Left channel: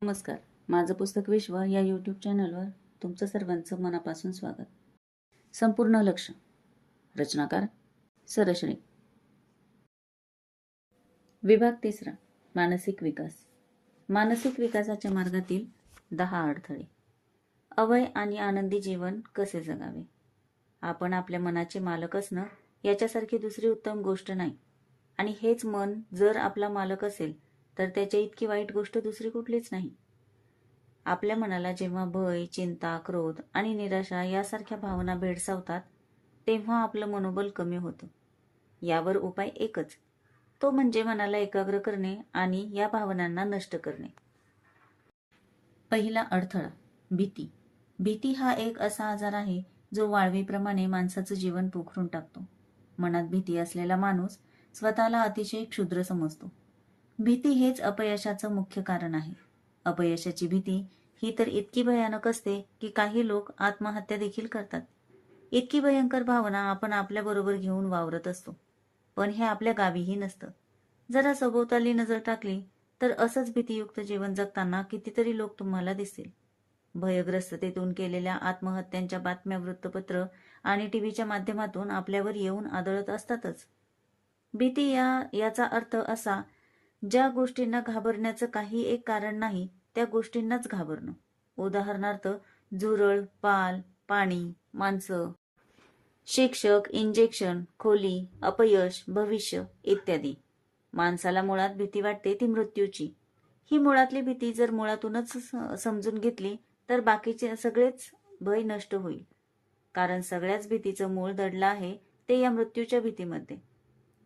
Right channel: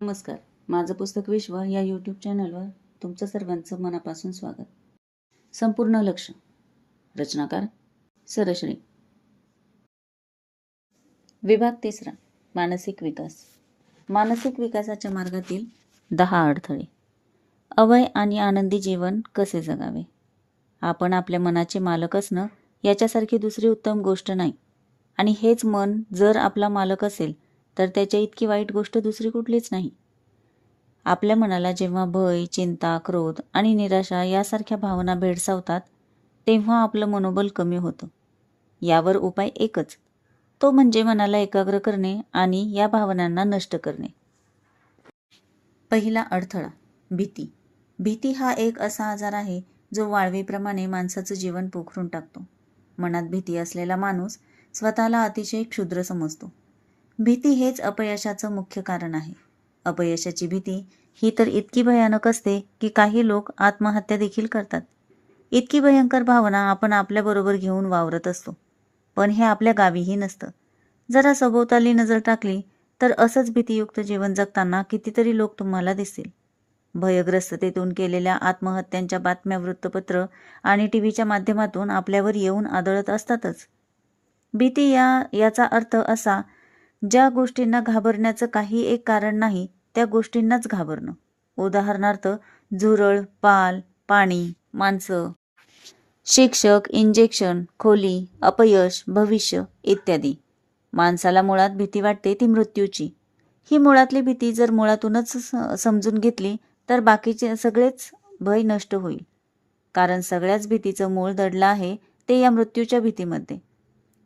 नमस्कार. माझं पुस्तक विश्व या यूट्यूब चॅनलवर तुमचं सर्वांचं मनापासून स्वागत. संपूर्ण लक्ष. रचनाकार सरश्री. विभाग 3. मानसिक विकास. मानसिक विकासाच्या मार्गातील 10 अडथळे. अभय आणि आनंदी जीवन कसे जगावे. आपण आपल्या मनाचे मालक असणं याच्यासारखी दुसरी उत्तम गोष्ट नाही. आणि हेच मन जर आपला मालक असेल तर त्याच्या इतकी वाईट गोष्ट दुसरी कुठलीच नाही. आपल्या मनाला जेव्हा भय, चिंता, क्रोध आणि निराशा यासारख्या भावना भेडसावतात तेव्हा आपलं मनोबल कमी होतं. यावर उपाय एकच, तो म्हणजे मनाला एकाग्र करणे आणि या भावनांना नष्ट करणे. पहिला अडथळा, भीती. भीती हा एक असा आजार आहे जो वाळवीप्रमाणे माणसाचं जीवन पोखरून टाकतो. मनात भीती असलेला माणूस स्वतःला अतिशय क्षुद्र समजतो. भीती हेच अपयशाचं मुख्य कारण आहे. अपयशाची भीती ही तर इतकी भयानक असते की काही लोक आत्महत्या देखील करतात. इतकी भयंकर भावना आपण आपल्याबरोबर घेऊन वावरत असतो. पण हे आपल्या गावीही नसतं. जरा सभोवताली नजर टाकली तर असंच भीतीयुक्त जीवन जगताना कितीतरी लोक तुम्हाला दिसतील. भयग्रस्ततेतून केलेल्या आत्महत्यांच्या बातम्या वृत्तपत्र आणि टीव्हीच्या माध्यमातून आपल्यावर येऊन आदळत असतातच. भीती याचा अर्थ असा, ज्या गोष्टींना घाबरण्याचं काही एक कारण नाही त्या गोष्टींनाच घाबरणं. उदाहरणार्थ झुरळ, पाल, पाणी, माणसं, शिक्षक, इंजेक्शन, खोली, अपयश, भविष्य इत्यादी. माणसाला मुळात भीती वाटते ती मृत्यूची. ही मुळातली भीती जर मुळातूनच समजून घेतली तर बाकीचे सगळेच भय नष्ट होईल. कारण सगळ्याच भीतीचं मूळ दडलं आहे ते या मृत्यूच्या भीतीमध्ये.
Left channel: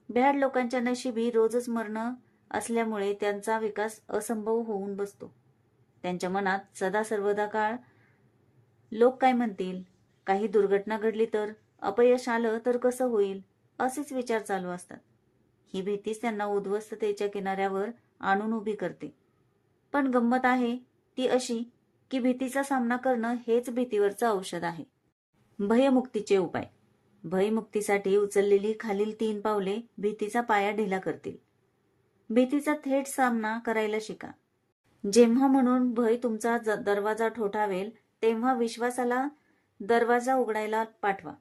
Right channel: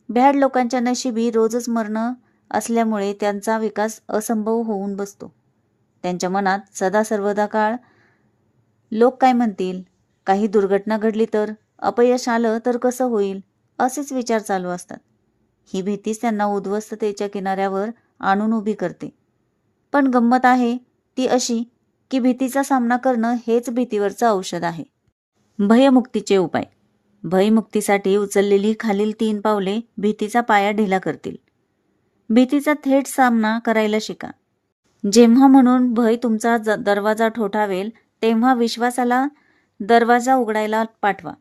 भ्याड लोकांच्या नशिबी रोजच मरणं असल्यामुळे त्यांचा विकास असंभव होऊन बसतो. त्यांच्या मनात सदा सर्वदा काळ लोक काय म्हणतील, काही दुर्घटना घडली तर, अपयश आलं तर कसं होईल, असेच विचार चालू असतात. ही भीतीच त्यांना उद्ध्वस्ततेच्या किनाऱ्यावर आणून उभी करते. पण गंमत आहे ती अशी की भीतीचा सामना करणं हेच भीतीवरचं औषध आहे. भयमुक्तीचे उपाय. भयमुक्तीसाठी उचललेली खालील 3 पावले भीतीचा पाया ढिला करतील. भीतीचा थेट सामना करायला शिका. जेव्हा म्हणून भय तुमचा दरवाजा ठोठावेल तेव्हा विश्वासाला दरवाजा उघडायला पाठवा.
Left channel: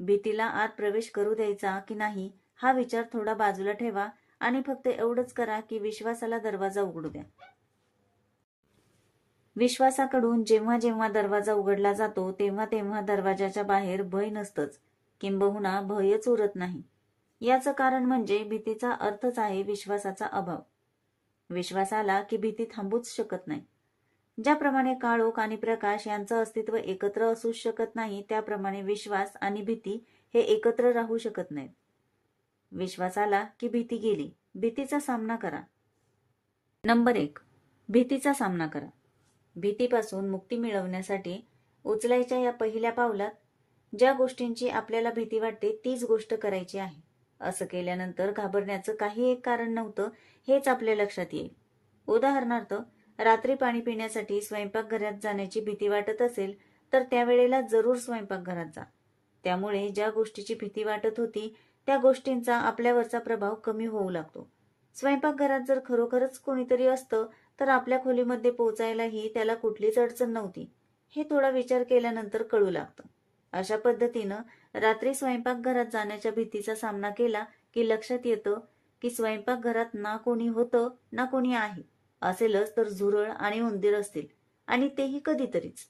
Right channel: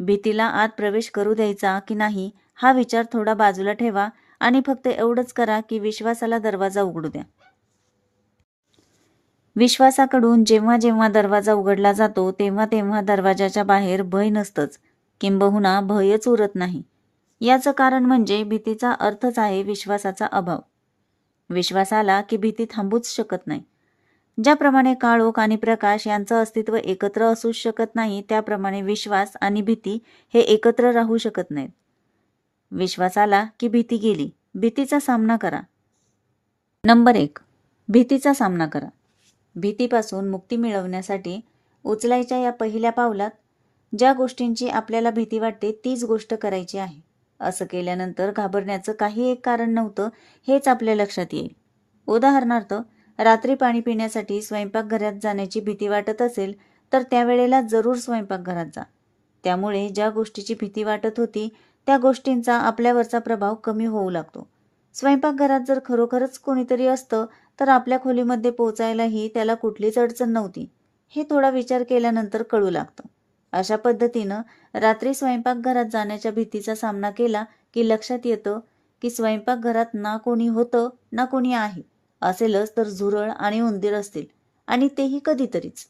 भीतीला आत प्रवेश करू द्यायचा की नाही हा विचार थोडा बाजूला ठेवा आणि फक्त एवढंच करा की विश्वासाला दरवाजा उघडू द्या. विश्वासाकडून जेव्हा जेव्हा दरवाजा उघडला जातो तेव्हा तेव्हा दरवाजाच्या बाहेर भय नसतंच, किंबहुना भयच उरत नाही. याचं कारण म्हणजे भीतीचा अर्थच आहे विश्वासाचा अभाव. विश्वास आला की भीती थांबूच शकत नाही. ज्याप्रमाणे काळोख आणि प्रकाश यांचं अस्तित्व एकत्र असूच शकत नाही त्याप्रमाणे विश्वास आणि भीती हे एकत्र राहू शकत नाहीत. विश्वास आला की भीती गेली. भीतीचा सामना करा. नंबर 1. भीतीचा सामना करा. भीतीपासून मुक्ती मिळवण्यासाठी उचलायच्या या पहिल्या पावलात ज्या गोष्टींची आपल्याला भीती वाटते तीच गोष्ट करायची आहे. असं केल्यानंतर घाबरण्याचं काही एक कारण नव्हतं हेच आपल्या लक्षात येईल. उदाहरणार्थ, रात्री पाणी पिण्यासाठी स्वयंपाकघरात जाण्याची भीती वाटत असेल तर त्यावेळेला जरूर स्वयंपाकघरात जा. त्यामुळे ज्या गोष्टीची भीती वाटत होती त्या गोष्टींचा आपल्यावरचा प्रभाव कमी होऊ लागतो. स्वयंपाकघरात जर खरोखरच कोणीतरी असतं तर आपल्या खोलीमध्ये पोचायलाही त्याला कुठलीच अडचण नव्हती, हे थोडा विचार केल्यानंतर कळू लागतं. अशा पद्धतीनं रात्री स्वयंपाकघरात जाण्याच्या भीतीचा सामना केला की लक्षात येतं की स्वयंपाकघरात ना कोणी होतं ना कोणी आहे. असेलच तर झुरळ आणि उंदीर असतील, आणि तेही कधीतरीच.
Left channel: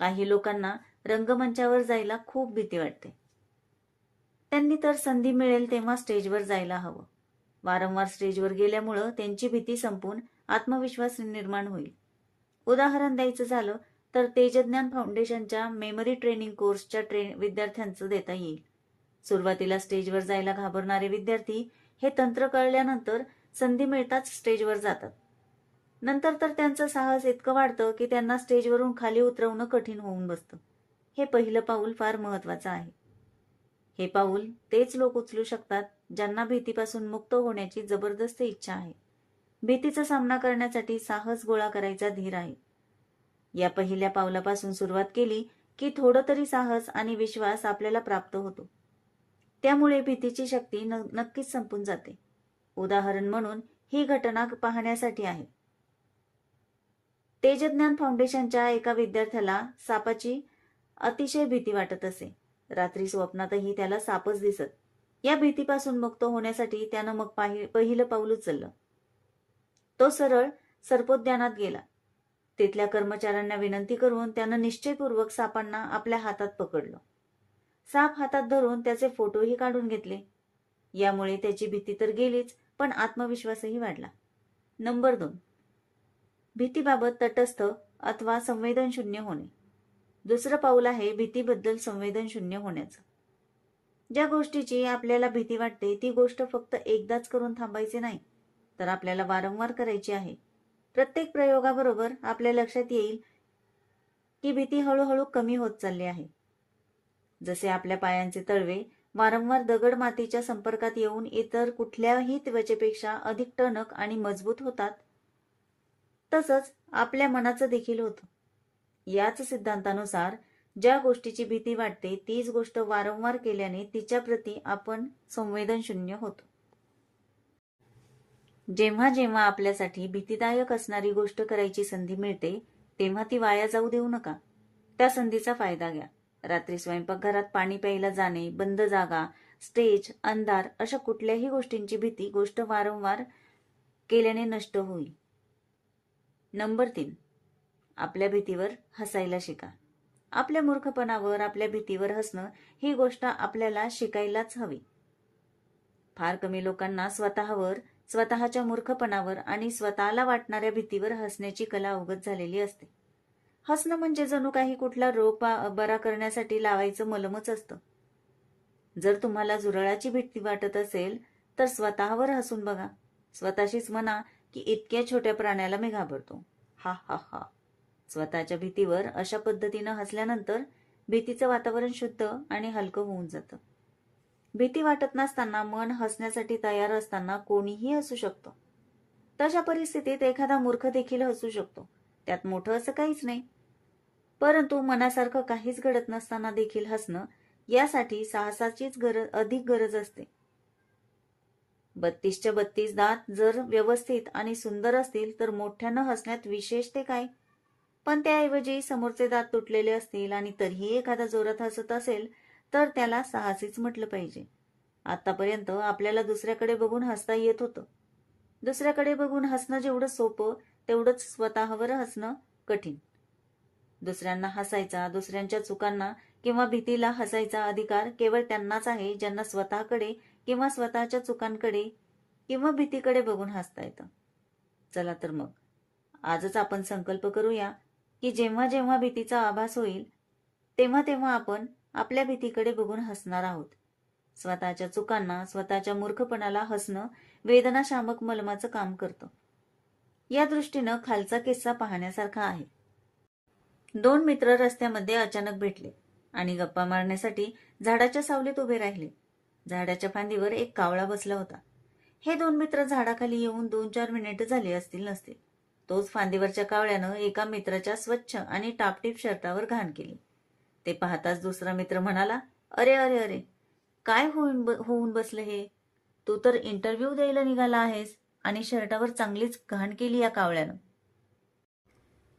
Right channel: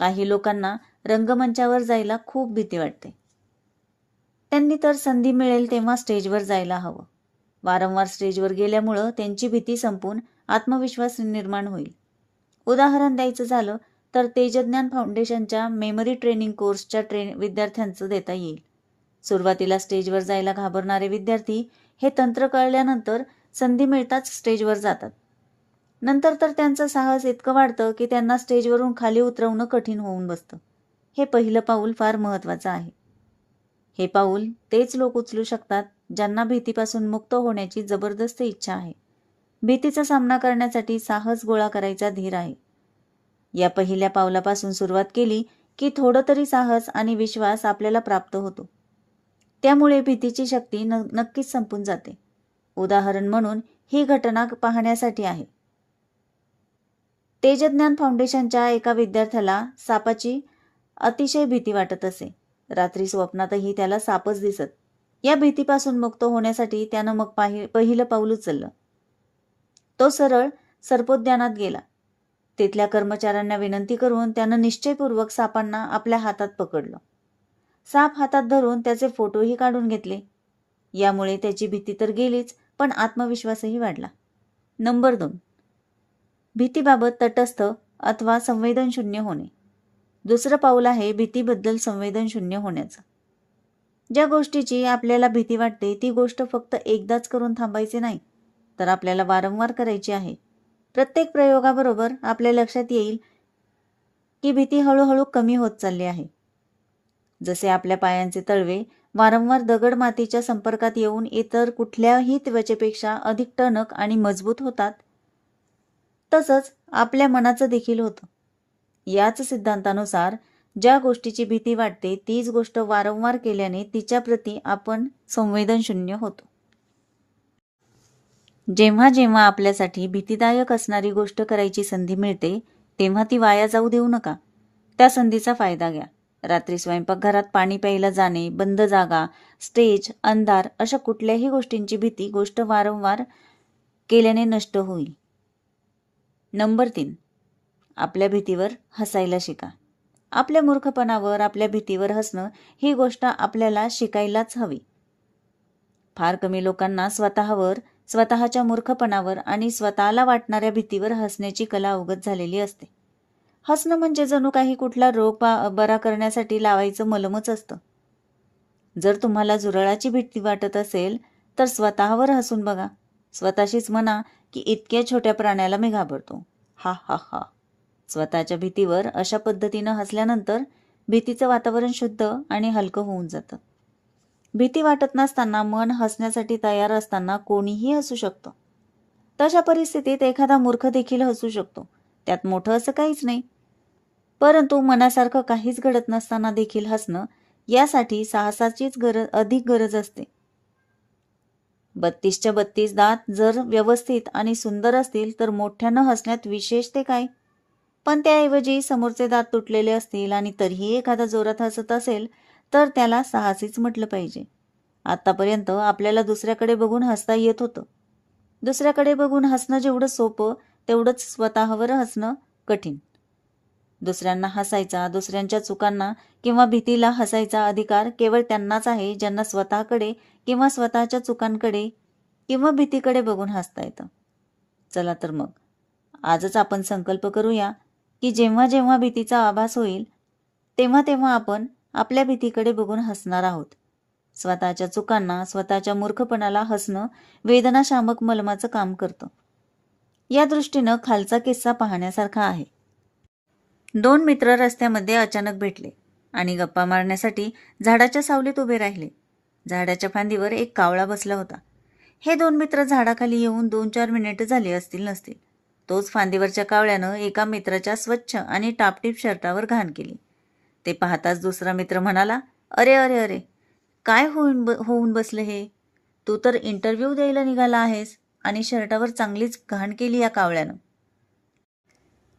काही लोकांना रंगमंचावर जायला खूप भीती वाटते. त्यांनी तर संधी मिळेल तेव्हा स्टेजवर जायला हवं. वारंवार स्टेजवर गेल्यामुळं त्यांची भीती संपून आत्मविश्वास निर्माण होईल. उदाहरण द्यायचं झालं तर तेजज्ञान फाउंडेशनच्या मेमरी ट्रेनिंग कोर्सच्या विद्यार्थ्यांचं देता येईल. सुरुवातीला स्टेजवर जायला घाबरणारे विद्यार्थी हे तंत्र कळल्यानंतर संधी मिळताच स्टेजवर जातात. नंतर तर त्यांचं साहस इतकं वाढतं की त्यांना स्टेजवरून खाली उतरवणं कठीण होऊन बसतं. हे पहिलं पाऊल फार महत्त्वाचं आहे. हे पाऊल तेच लोक उचलू शकतात ज्यांना भीतीपासून मुक्त होण्याची जबरदस्त इच्छा आहे. भीतीचा सामना करण्यासाठी साहस गोळा करायचा धीर आहे. या पहिल्या पावलापासून सुरुवात केली की थोडं तरी साहस आणि विश्वास आपल्याला प्राप्त होतो. त्यामुळे भीतीची शक्ती नक्कीच संपून जाते. उदाहरण म्हणून ही घटना पाहण्यासाठी आहे. तेजज्ञान फाउंडेशनच्या एका विद्यार्थ्याला सापाची अतिशय भीती वाटत असे. रात्री स्वप्नातही त्याला सापच दिसत. या भीतीपासून मुक्त होण्यासाठी त्यानं मग पहिलं पाऊल उचललं. तो सरळ सर्पोद्यानात गेला. तिथल्या कर्मचाऱ्यांना विनंती करून त्यानं निश्चयपूर्वक सापांना आपल्या हातात पकडलं. साप हातात धरून त्याचे फोटोही काढून घेतले. यामुळे त्याची भीती तर गेलीच, पण आत्मविश्वासही वाढला. नंबर 2, भीतीबाबत तटस्थ अथवा संवेदनशून्य होणे. दुसरं पाऊल आहे भीतीबद्दल संवेदनशून्य होण्याचं. ज्या गोष्टीची आपल्याला भीती वाटते ती गोष्ट फक्त एकदाच करून थांबायची नाही, तर आपल्याला वारंवार करायची आहे. प्रत्येक प्रयोगाबरोबर आपल्या लक्षात येईल की भीती हळूहळू कमी होत चालली आहे. जसे आपल्या पायांचे तळवे वारंवार दगड मातीच्या संपर्कात येऊन इतर कुठल्याही त्वचेपेक्षा अधिक टणक आणि मजबूत होतात, तसंच आपल्या मनाचं देखील होतं. याच सिद्धांतानुसार ज्या गोष्टीची भीती वाटते तीच गोष्ट वारंवार केल्याने तिच्याप्रती आपण संवेदनशून्य होतो. जेव्हा जेव्हा आपल्यासाठी भीतीदायक असणारी गोष्ट करायची संधी मिळते तेव्हा ती वाया जाऊ देऊ नका. त्या संधीचा फायदा घ्या. रात्री स्वयंपाकघरात पाणी प्यायला जाणे, बंद जागा, स्टेज, अंधार अशा कुठल्याही गोष्टींची भीती गोष्ट वारंवार केल्याने नष्ट होईल. नंबर 3, आपल्या भीतीवर हसायला शिका. आपल्या मूर्खपणावर, आपल्या भीतीवर हसणं ही गोष्ट आपल्याला शिकायलाच हवी. फार कमी लोकांना स्वतःवर, स्वतःच्या मूर्खपणावर आणि स्वतःला वाटणाऱ्या भीतीवर हसण्याची कला अवगत झालेली असते. हसणं म्हणजे जणू काही कुठला रोग बरा करण्यासाठी लावायचं मलमच असतं. जर तुम्हाला जुरळाची भीती वाटत असेल तर स्वतःवर हसून बघा. स्वतःशीच म्हणा की इतक्या छोट्या प्राण्याला मी घाबरतो, हा हा हा. स्वतःच्या भीतीवर अशा पद्धतीनं हसल्यानंतर भीतीचं वातावरण शुद्ध आणि हलकं होऊन जातं. भीती वाटत नसताना, मन हसण्यासाठी तयार असताना कोणीही हसू शकतं. तशा परिस्थितीत एखादा मूर्ख देखील हसू शकतो. त्यात मोठं असं काहीच नाही. परंतु मनासारखं काहीच घडत नसताना देखील हसणं, यासाठी साहसाचीच अधिक गरज असते. 32च्या 32 दात जर व्यवस्थित आणि सुंदर असतील तर मोठ्यानं हसण्यात विशेष ते काय. पण त्याऐवजी समोरचे दात तुटलेले असतील आणि तरीही एखादा जोरात हसत असेल तर त्याला साहसीच म्हटलं पाहिजे. आतापर्यंत आपल्याला दुसऱ्याकडे बघून हसता येत होतं. दुसऱ्याकडे बघून हसणं जेवढं सोपं तेवढंच स्वतःवर हसणं कठीण. दुसऱ्यांना हसायचा, दुसऱ्यांच्या चुकांना किंवा भीतीला हसायचा अधिकार केवळ त्यांनाच आहे ज्यांना स्वतःकडे किंवा स्वतःच्या चुकांकडे किंवा भीतीकडे बघून हसता येतं. चला तर मग आजच आपण संकल्प करूया की जेव्हा जेव्हा भीतीचा आभास होईल तेव्हा तेव्हा आपण आपल्या भीतीकडे बघून हसणार आहोत. स्वतःच्या चुकांना, स्वतःच्या मूर्खपणाला हसणं वेदनाशामक मलमाचं काम करतं. या दृष्टीनं खालचा किस्सा पाहण्यासारखा आहे. 2 मित्र रस्त्यामध्ये अचानक भेटले आणि गप्पा मारण्यासाठी झाडाच्या सावलीत उभे राहिले. झाडाच्या फांदीवर एक कावळा बसला होता. हे 2 मित्र झाडाखाली येऊन 2-4 मिनिटं झाली असतील नसतील. तोच फांदीवरच्या कावळ्यानं एका मित्राच्या स्वच्छ आणि टापटीप शर्टावर घाण केली. ते पाहताच दुसरा मित्र म्हणाला, अरे अरे अरे, काय होऊन बसलं हे. तू तर इंटरव्ह्यू द्यायला निघाला आहेस आणि शर्टावर चांगलीच घाण केली या कावळ्यानं.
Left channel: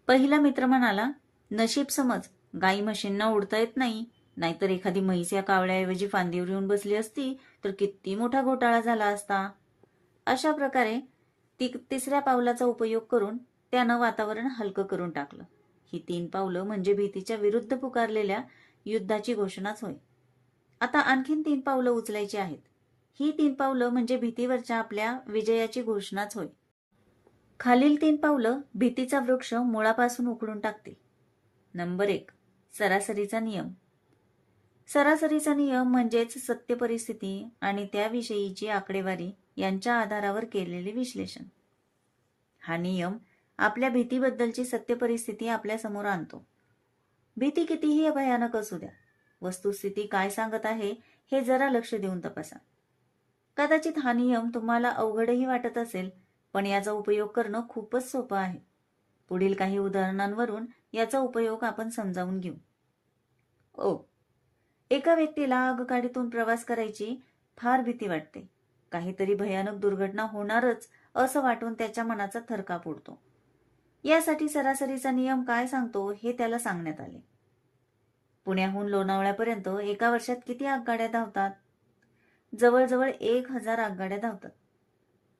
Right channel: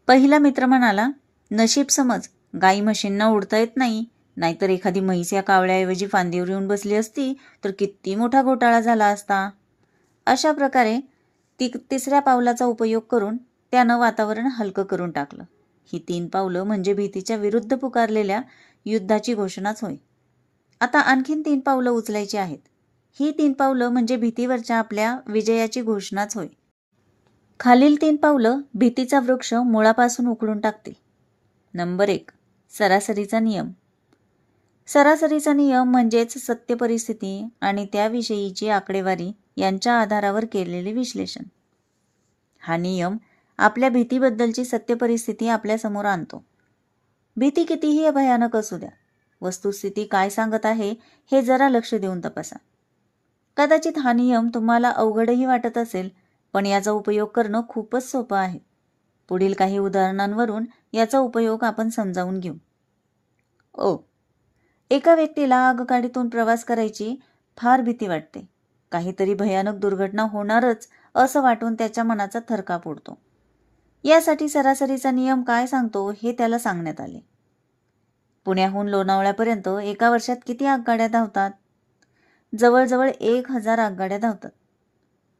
पहिला मित्र म्हणाला, नशीब समज, गाई म्हशींना उडता येत नाही, नाहीतर एखादी म्हैस या कावळ्याऐवजी फांदीवर येऊन बसली असती तर किती मोठा घोटाळा झाला असता. अशा प्रकारे तिसऱ्या पावलाचा उपयोग करून त्यानं वातावरण हलकं करून टाकलं. ही 3 पावलं म्हणजे भीतीच्या विरुद्ध पुकारलेल्या युद्धाची घोषणाच होय. आता आणखीन 3 पावलं उचलायची आहेत. ही 3 पावलं म्हणजे भीतीवरच्या आपल्या विजयाची घोषणाच होय. खालील 3 पावलं भीतीचा वृक्ष मुळापासून उखडून टाकतील. नंबर 1, सरासरीचा नियम. सरासरीचा नियम म्हणजेच सत्य परिस्थिती आणि त्याविषयीची आकडेवारी यांच्या आधारावर केलेले विश्लेषण. हा नियम आपल्या भीतीबद्दलची सत्य परिस्थिती आपल्यासमोर आणतो. भीती कितीही भयानक असू द्या, वस्तुस्थिती काय सांगत आहे हे जरा लक्ष देऊन तपासा. कदाचित हा नियम तुम्हाला अवघडही वाटत असेल, पण याचा उपयोग करणं खूपच सोपं आहे. पुढील काही उदाहरणांवरून याचा उपयोग आपण समजावून घेऊ. एका व्यक्तीला आगगाडीतून प्रवास करायची फार भीती वाटते. काहीतरी भयानक दुर्घटना होणारच असं वाटून त्याच्या मनाचा थरकाप उडतो. यासाठी सरासरीचा नियम काय सांगतो हे त्याला सांगण्यात आले. पुण्याहून लोणावळ्यापर्यंत एका वर्षात किती आगगाड्या धावतात? जवळजवळ 1000 आगगाड्या धावतात.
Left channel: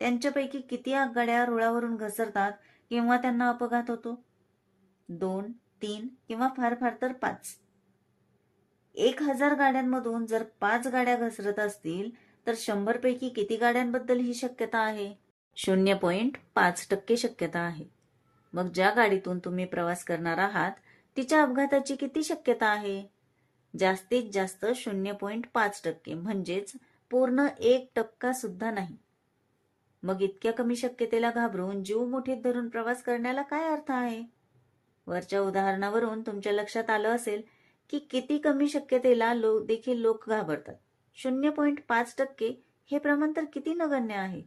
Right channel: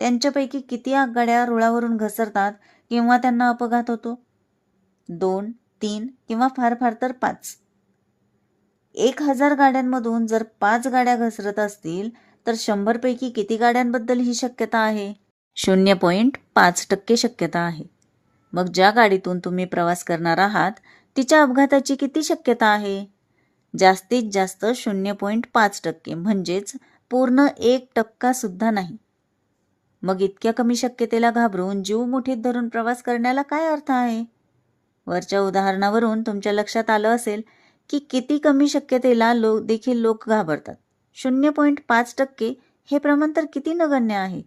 त्यांच्यापैकी किती आगगाड्या रुळावरून घसरतात किंवा त्यांना अपघात होतो? 2, 3 किंवा फार फार तर 5. 1000 गाड्यांमधून जर 5 गाड्या घसरत असतील तर 100 पैकी किती गाड्यांबद्दल ही शक्यता आहे? 0.5% शक्यता आहे. मग ज्या गाडीतून तुम्ही प्रवास करणार आहात तिच्या अपघाताची किती शक्यता आहे? जास्तीत जास्त 0.5%, म्हणजेच पूर्ण 1% सुद्धा नाही. मग इतक्या कमी शक्यतेला घाबरून जीव मुठीत धरून प्रवास करण्याला काय अर्थ आहे? वरच्या उदाहरणावरून तुमच्या लक्षात आलं असेल की किती कमी शक्यतेला देखील लोक घाबरतात. 0.5% हे प्रमाण तर किती नगण्य आहे.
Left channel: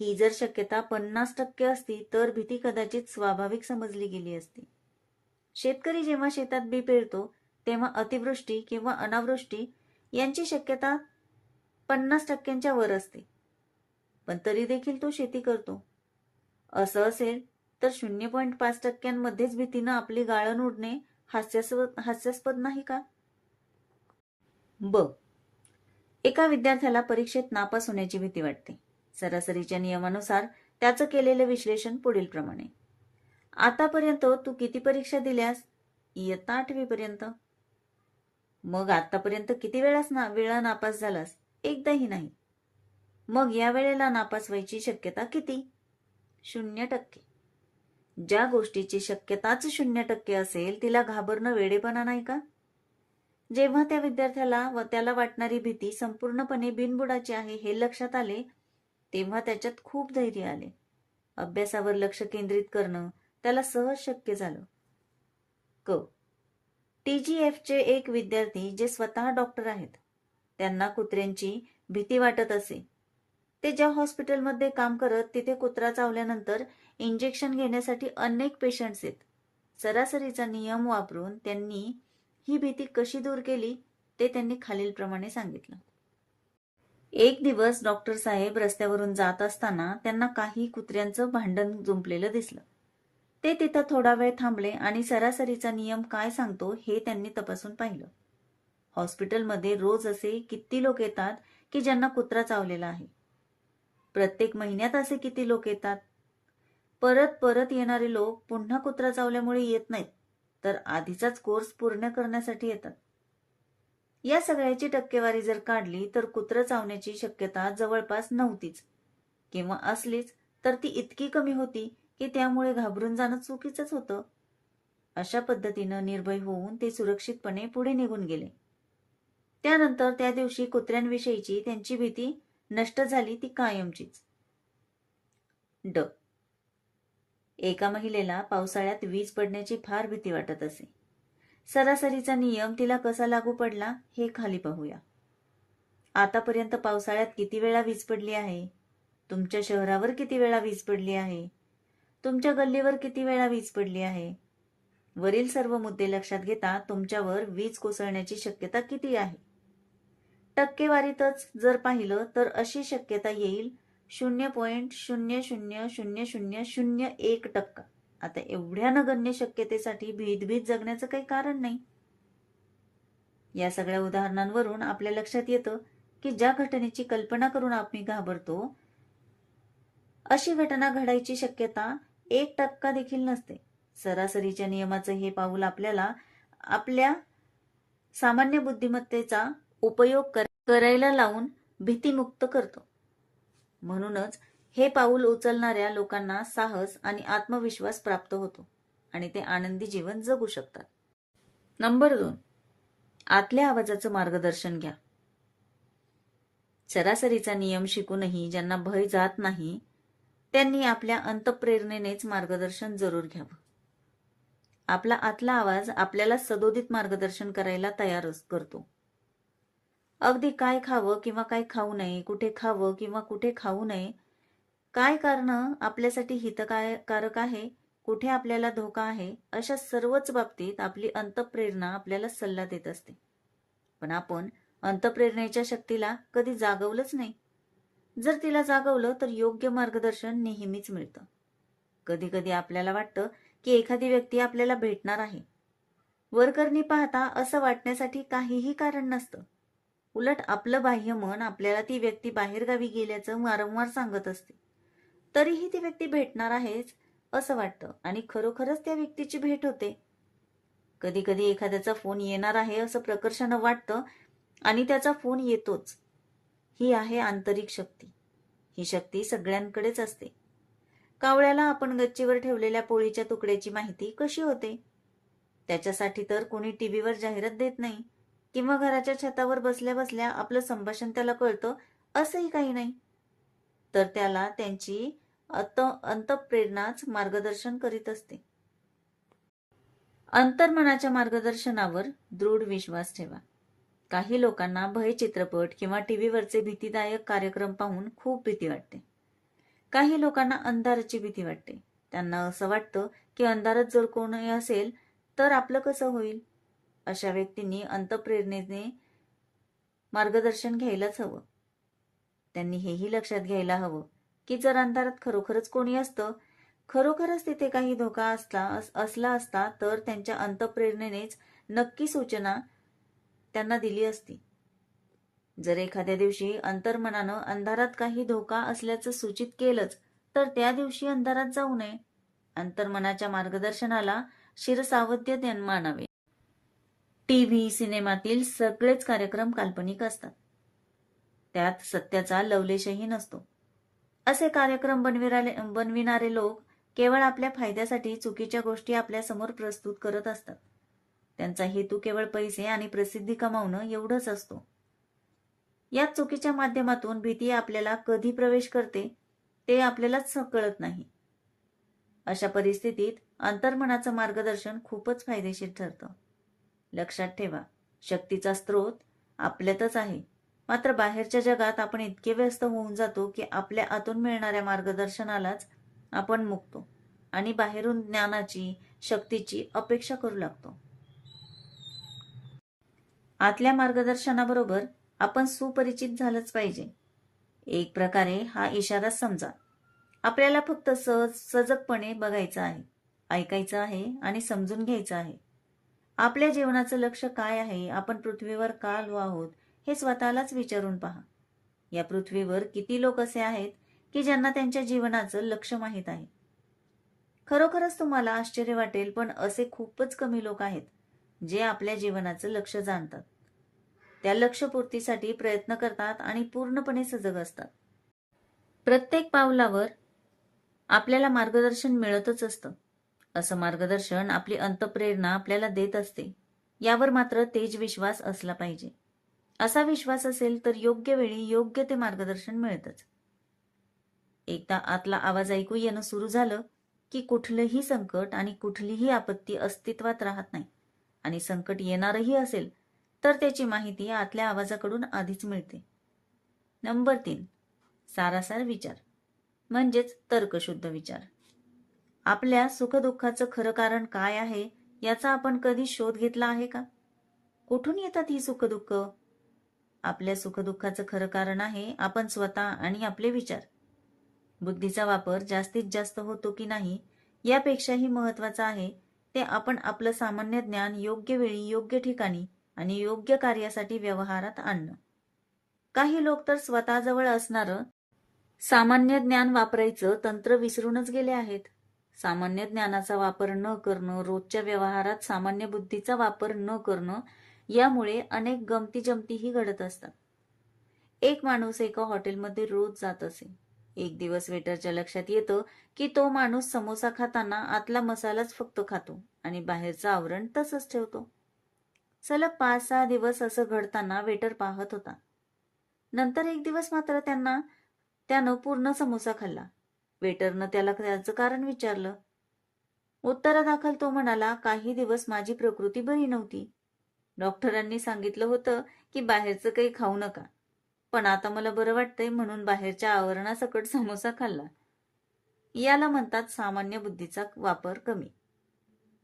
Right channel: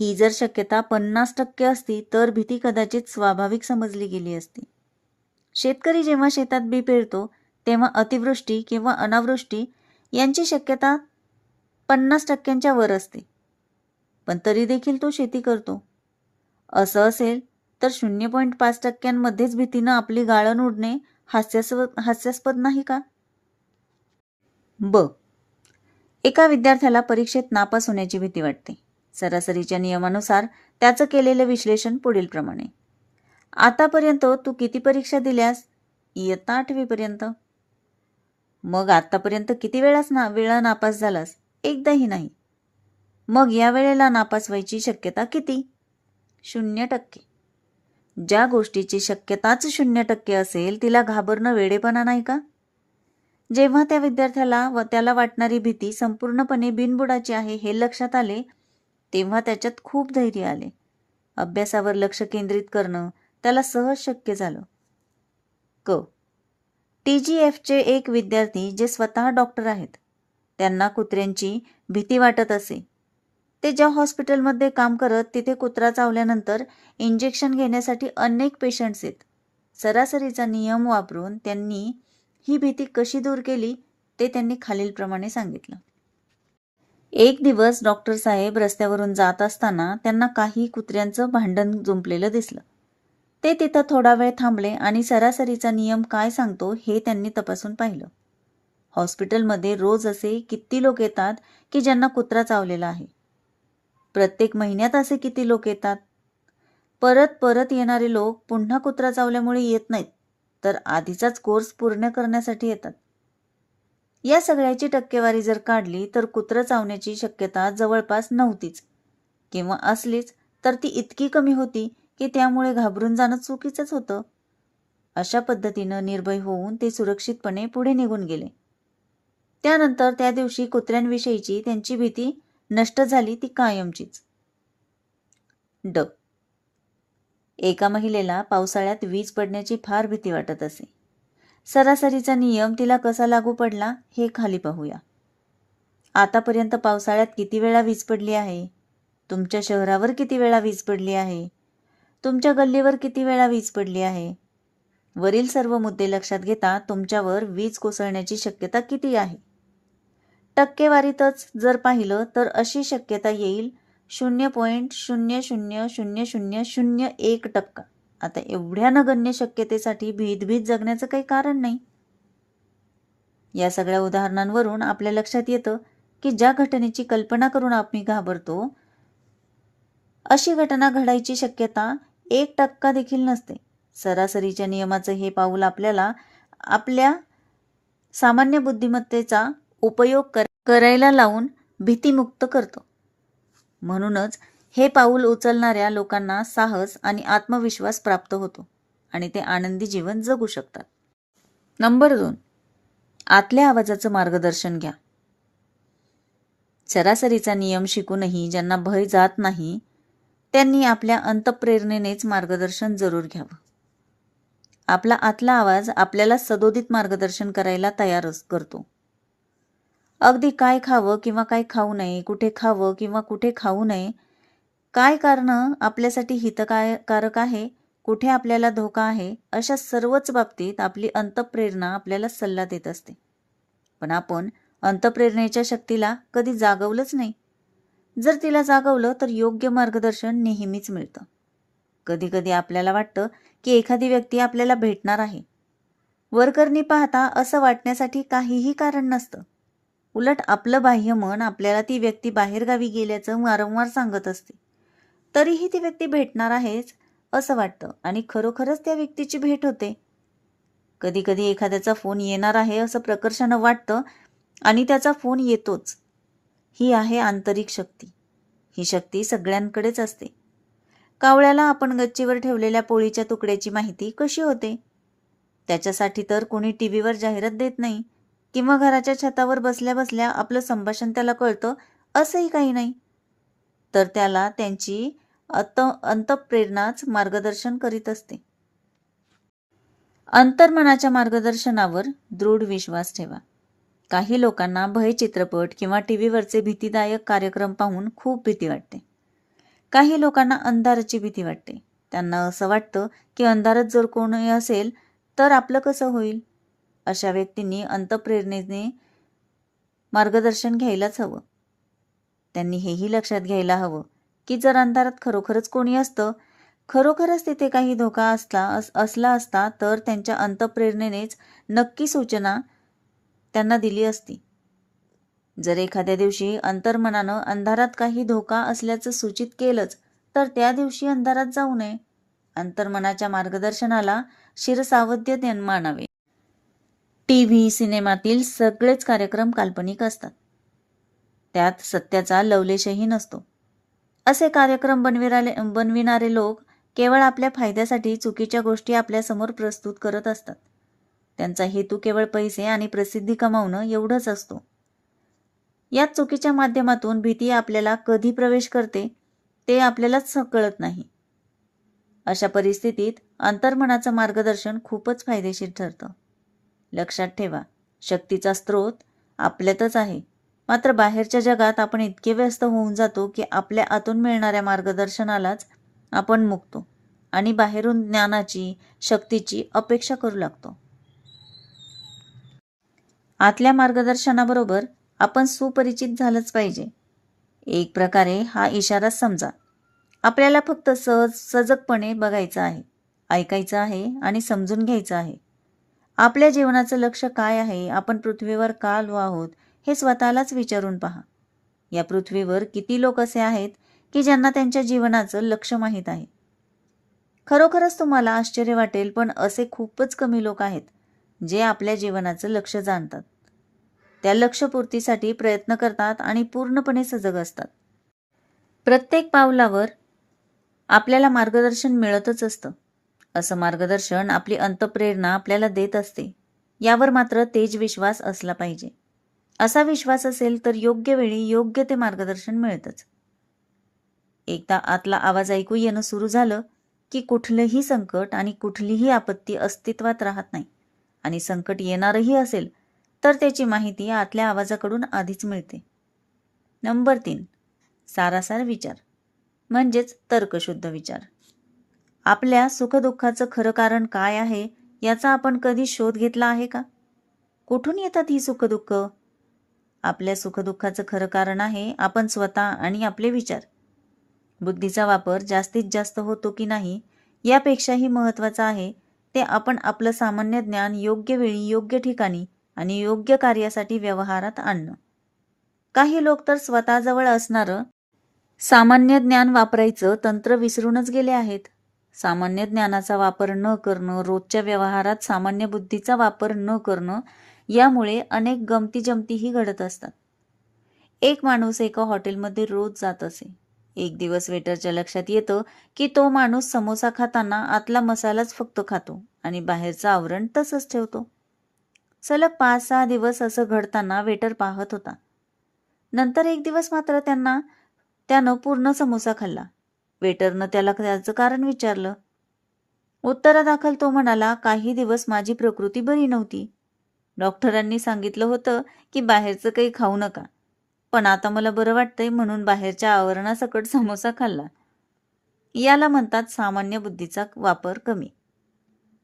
ही जर शक्यता 50% असती तर भीती कदाचित स्वाभाविक समजली गेली असती. शेतकरी जेव्हा शेतात बी पेरतो तेव्हा अतिवृष्टी किंवा अनावृष्टी यांची शक्यता 50%च्या वर असते, पण तरी देखील तो शेती करतो. असं असेल तर 0.5%मध्येच भीतीनं आपली गाळण उडणे हास्यास्पद नाही का? एका विद्यार्थ्याला परीक्षेत नापास होण्याची भीती वाटते. सरासरीच्या नियमानुसार त्याचं केलेलं विश्लेषण पुढील प्रमाणे. आतापर्यंत तू किती परीक्षा दिल्यास? इयत्ता 8वी पर्यंत. मग आतापर्यंत किती वेळा नापास झालास? एकदाही नाही. मग या वेळेला नापास व्हायची शक्यता किती? 0%. ज्या गोष्टीची शक्यताच 0% असेल तिला घाबरणं वेडेपणा नाही का? जेव्हा त्या विद्यार्थ्याला व त्याला वाटणारी भीती संपूर्णपणे बिनबुडाची आहे हे लक्षात आले तेव्हा त्याच्यात खूप धैर्य आले. अभ्यासावर लक्ष केंद्रित करणं त्याला सहज शक्य झालं. TGFचे एक विद्यार्थी जे स्वतः डॉक्टर आहेत, त्यांना कुत्र्यांची भीती वाटत असे. ते ज्या हॉस्पिटलमध्ये काम करत तिथे कुत्रा चावल्यानंतर इंजेक्शन घेण्यासाठी अनेक पेशंट्स आहेत. सरासरीचा नियम वापरून त्यांनी ही भीती कशी दूर केली ते त्यांनी खालीलप्रमाणे सांगितलं. एक दिवस डॉक्टर साहेब रस्त्यावरून जात असताना त्यांना काही कुत्र्यांचं भांडण जुंपलेलं दिसलं. ते तिथं थोडा वेळ थांबले आणि सरासरीचा नियम काय सांगतो हे त्यांनी तपासून पाहिलं. हॉस्पिटलमध्ये रोज असे किती लोक येतात की ज्यांना कुत्रा चावलेला आहे? प्रत्येक महिन्यात असे किती लोक येतात? परत परत येणारे लोक पुन्हा कुत्रा चावल्यामुळे येत नाहीत, तर आधीचाच कोर्स पूर्ण करण्यासाठी येतात. या सगळ्याची टक्केवारी जर काढली तर कुत्रं चावण्याची शक्यता जवळपास नव्हतीच, किंवा असलीच तर ती इतकी कमी होती की त्यामुळे घाबरून जाणं चुकीचंच होतं. अशा पद्धतीनं निर्भय होऊन ते सुरक्षितपणे पुढे निघून गेले. त्यानंतर त्या दिवशी कुत्र्यांविषयीची त्यांची भीती नष्ट झाली, ती कायमचीच. एका महिलेला पावसाळ्यात वीज पडण्याची फार भीती वाटत असे. सरासरीचा नियम तिला कसा लागू पडला हे खाली पाहूया. आतापर्यंत पावसाळ्यात किती वेळा वीज पडली आहे? तुमच्या शहरावर किती वेळा वीज पडली आहे? तुमच्या गल्लीवर किती वेळा वीज पडली आहे? वरील सर्व मुद्दे लक्षात घेता तुमच्यावर वीज कोसळण्याची शक्यता किती आहे? टक्केवारीतच जर पाहिलं तर अशी शक्यता येईल 0.0000001%. आता एवढ्या नगण्य शक्यतेसाठी भीत जगण्याचं काही कारण नाही. या सगळ्या उदाहरणांवरून आपल्या लक्षात येतं की ज्या घटनेची कल्पना करून आपण घाबरतो अशी घटना घडायची शक्यता 1% देखील नसते. सरासरीच्या नियमाचं हे पाऊल आपल्याला आपल्या सामान्य बुद्धिमत्तेचा उपयोग करायला लावून भीतीमुक्त करतो. म्हणूनच हे पाऊल उचलणाऱ्या लोकांना साहस आणि आत्मविश्वास प्राप्त होतो आणि ते आनंदी जीवन जगू शकतात. नंबर 2, आतल्या आवाजाचं मार्गदर्शन घ्या. सरासरीचा नियम शिकूनही ज्यांना भय जात नाही त्यांनी आपल्या अंतःप्रेरणेनेच मार्गदर्शन जरूर घ्यावं. आपला आतला आवाज आपल्याला सदोदित मार्गदर्शन करायला तयार करतो. अगदी काय खावं किंवा काय खाऊ नये, कुठे खावं किंवा कुठे खाऊ नये, काय कारणं आपल्यासाठी हितकारक आहे, कुठे आपल्याला धोका आहे, अशा सर्वच बाबतीत आपली अंतःप्रेरणा आपल्याला सल्ला देत असते. पण आपण अंतःप्रेरणेच्या शक्तीला कधी जागवलंच नाही. जर तिला जागवलं तर योग्य मार्गदर्शन नेहमीच मिळतं. कधी कधी आपल्याला वाटतं की एखादी व्यक्ती आपल्याला भेटणार आहे. वरकरणी पाहता असं वाटण्यासाठी काहीही कारण नसतं. उलट आपलं बाह्य मन आपल्याला ती व्यक्ती बाहेरगावी गेल्याचं वारंवार सांगत असते. तरीही ती व्यक्ती भेटणार आहेच असं वाटतं आणि खरोखरच त्या व्यक्तीची भेट होते. कधी कधी एखाद्याचा फोन येणार आहे असं प्रकर्षानं वाटतं आणि त्याचा फोन येतोच. ही आहे आंतरिक शक्ती. ही शक्ती सगळ्यांकडेच असते. कावळ्याला आपण गच्चीवर ठेवलेल्या पोळीच्या तुकड्याची माहिती कशी होते? त्याच्यासाठी तर कोणी टीव्हीवर जाहिरात देत नाही किंवा घराच्या छतावर बसल्या बसल्या आपलं संभाषण त्याला कळतं असंही काही नाही. तर त्याला त्यांची अंतःप्रेरणाच मार्गदर्शन करीत असते. अंतर्मनाच्या मार्गदर्शनावर दृढ विश्वास ठेवा. काही लोकांना भय चित्रपट किंवा टीव्हीवरचे भीतीदायक कार्यक्रम पाहून खूप भीती वाटते. काही लोकांना अंधाराची भीती वाटते. त्यांना असं वाटतं की अंधारात जर कोणी असेल तर आपलं कसं होईल. अशा व्यक्तींनी अंतःप्रेरणेने मार्गदर्शन घ्यायलाच हवं. त्यांनी हेही लक्षात घ्यायला हवं की जर अंधारात खरोखरच कोणी असतं, खरोखरच तिथे काही धोका असला असता तर त्यांच्या अंतःप्रेरणेनेच नक्की सूचना त्यांना दिली असती. जर एखाद्या दिवशी अंतर्मनानं अंधारात काही धोका असल्याचं सूचित केलंच तर त्या दिवशी अंधारात जाऊ नये. अंतर्मनाच्या मार्गदर्शनाला शिरसावद्य मानावे. टीव्ही, सिनेमातील सगळेच कार्यक्रम काल्पनिक असतात. त्यात सत्याचा लवलेशही नसतो. असे कार्यक्रम बनविणारे लोक केवळ आपल्या फायद्यासाठी चुकीच्या गोष्टी आपल्यासमोर प्रस्तुत करत असतात. त्यांचा हेतू केवळ पैसे आणि प्रसिद्धी कमावणं एवढंच असतो. या चुकीच्या माध्यमातून भीती आपल्याला कधी प्रवेश करते ते आपल्यालाच कळत नाही. अशा परिस्थितीत अंतर्मनाचं मार्गदर्शन खूपच फायदेशीर ठरतं. लक्षात ठेवा, शक्तीचा स्रोत आपल्यातच आहे. मात्र बाहेरच्या जगात आपण इतके व्यस्त होऊन जातो की आपल्या आतून मिळणाऱ्या मार्गदर्शनालाच आपण मुकतो आणि बाहेरून ज्ञानाची, शक्तीची अपेक्षा करू लागतो. आतल्या मार्गदर्शनाबरोबर आपण सुपरिचित झालंच पाहिजे. एक प्रकारे हा इशाराच समजा. आपल्याला फक्त सजगपणे बघायचं आहे, ऐकायचं आहे आणि समजून घ्यायचं आहे. आपल्या जीवनाचं लक्ष काय आहे, आपण पृथ्वीवर का आलो आहोत हे स्वतःलाच विचारून पहा. या पृथ्वीवर किती लोक असे आहेत की ज्यांना त्यांच्या जीवनाचं लक्ष माहीत आहे? खरोखरच तुम्हाला आश्चर्य वाटेल, पण असे खूपच कमी लोक आहेत जे आपल्या जीवनाचं लक्ष जाणतात, त्या लक्ष्यपूर्तीसाठी प्रयत्न करतात आणि पूर्णपणे सजग असतात. प्रत्येक पावलावर आपल्याला मार्गदर्शन मिळतच असतं. असं मार्गदर्शन आपली अंतःप्रेरणा आपल्याला देत असते. यावर मात्र तेज विश्वास असला पाहिजे. असा विश्वास असेल तर योग्य वेळी योग्य ते मार्गदर्शन मिळतंच. एकदा आतला आवाज ऐकू येणं सुरू झालं की कुठलंही संकट आणि कुठलीही आपत्ती अस्तित्वात राहत नाही. आणि संकट येणारही असेल तर त्याची माहिती आतल्या आवाजाकडून आधीच मिळते. नंबर 3, सारासार विचार म्हणजेच तर्कशुद्ध विचार. आपल्या सुखदुःखाचं खरं कारण काय आहे याचा आपण कधी शोध घेतला आहे का? कुठून येतात ही सुखदुःख? आपल्या सुखदुःखाचं खरं कारण आहे आपण स्वतः आणि आपले विचार. बुद्धीचा वापर जास्तीत जास्त होतो की नाही यापेक्षाही महत्त्वाचं आहे ते आपण आपलं सामान्य ज्ञान योग्य वेळी, योग्य ठिकाणी आणि योग्य कार्यासाठी व्यवहारात आणणं. काही लोक तर स्वतःजवळ असणारं सामान्य ज्ञान वापरायचं तंत्र विसरूनच गेले आहेत. सामान्य ज्ञानाचा वापर न करणं, रोजच्या व्यवहारात सामान्य बुद्धीचा वापर न करणं यामुळे अनेक गमतीजमतीही घडत असतात. एक माणूस एका हॉटेलमध्ये रोज जात असे. एक दिवस वेटरच्या लक्षात येतं की तो माणूस समोसा खाताना आतला मसालाच फक्त खातो आणि बाहेरचं आवरण तसंच ठेवतो. सलग 5-6 दिवस असं घडताना वेटर पाहत होता. नंतर एक दिवस मात्र त्यानं पूर्ण समोसा खाल्ला. वेटरनं त्याला त्याचं कारण विचारलं. उत्तरादाखल तो म्हणाला, काही दिवस माझी प्रकृती बरी नव्हती. डॉक्टरांनी सांगितलं होतं की बाहेरचं काही खाऊ नका, पण आता मला बरं वाटतंय म्हणून बाहेरच्या आवरणासकट समोसा खाल्ला. याला म्हणतात सामान्य बुद्धीचा वापर कमी.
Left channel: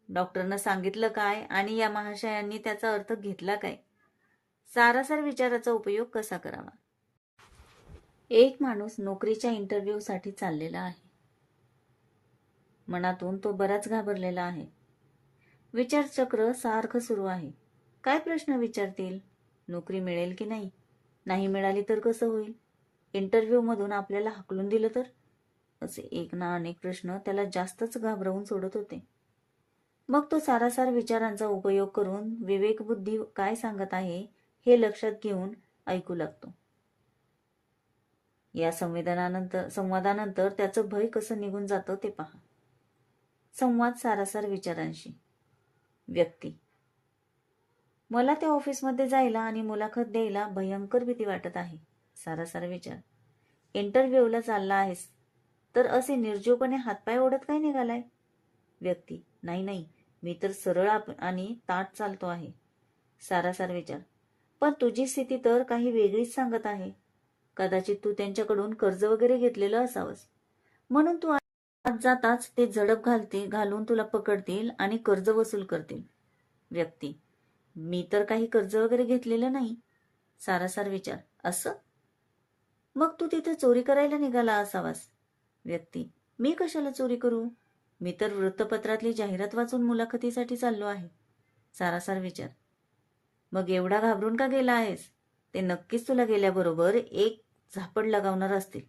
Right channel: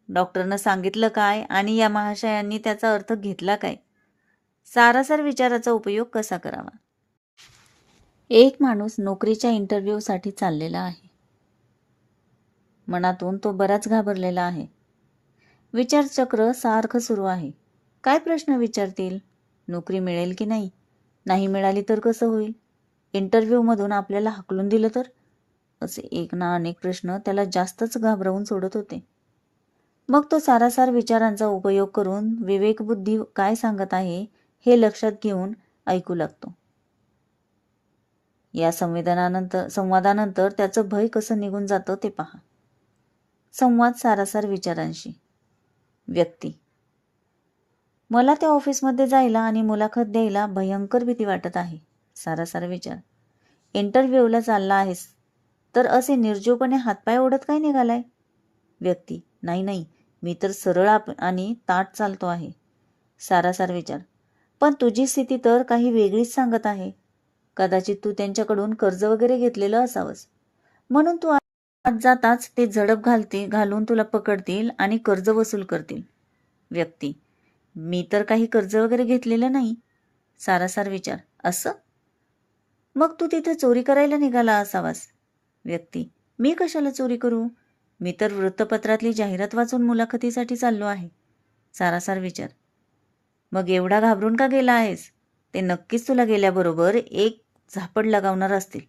डॉक्टरनं सांगितलं काय आणि या महाशयांनी त्याचा अर्थ घेतला काय? सारासार विचाराचा उपयोग कसा करावा? एक माणूस नोकरीच्या इंटरव्ह्यूसाठी चाललेला आहे. मनातून तो बराच घाबरलेला आहे. विचारचक्र सारखं सुरू आहे. काय प्रश्न विचारतील? नोकरी मिळेल की नाही? नाही मिळाली तर कसं होईल? इंटरव्ह्यूमधून आपल्याला हाकलून दिलं तर? असे एक ना अनेक प्रश्न त्याला जास्तच घाबरवून सोडत होते. मग तो सारासार विचारांचा उपयोग करून विवेकबुद्धी काय सांगत आहे हे लक्षात घेऊन ऐकू लागतो. या संवादानंतर त्याचं भय कसं निघून जातं ते पहा. संवाद सारासार विचारांशी. व्यक्ती: मला त्या ऑफिसमध्ये जायला आणि मुलाखत द्यायला भयंकर भीती वाटत आहे. सारासार विचार: इंटरव्ह्यूला चालला आहेस तर असे निर्जीवपणे हातपाय ओढत काय निघालाय? व्यक्ती: नाही, मी तर सरळ आणि ताठ चालतो आहे. सारासार विचार: पण तुझी स्थिती तर काही वेगळीच सांगत आहे. कदाचित तू त्यांच्याकडून कर्ज वगैरे घेतलेलं असावंस, म्हणून तू आत जाताच ते झडप घालून तुला पकडतील आणि कर्ज वसूल करतील. व्यक्ती: मी तर काही कर्ज वगैरे घेतलेलं नाही. सारासार विचार: असं? मग तू तिथे चोरी करायला निघाला असावास. व्यक्ती: मी कशाला चोरी करू? मी तर वृत्तपत्रातली जाहिरात वाचून मुलाखतीसाठी चाललो आहे. सारासार विचार: मग एवढा घाबरून का गेला आहेस? ते नक्कीच तुला गेल्याबरोबर एक झापड लगावणार असतील.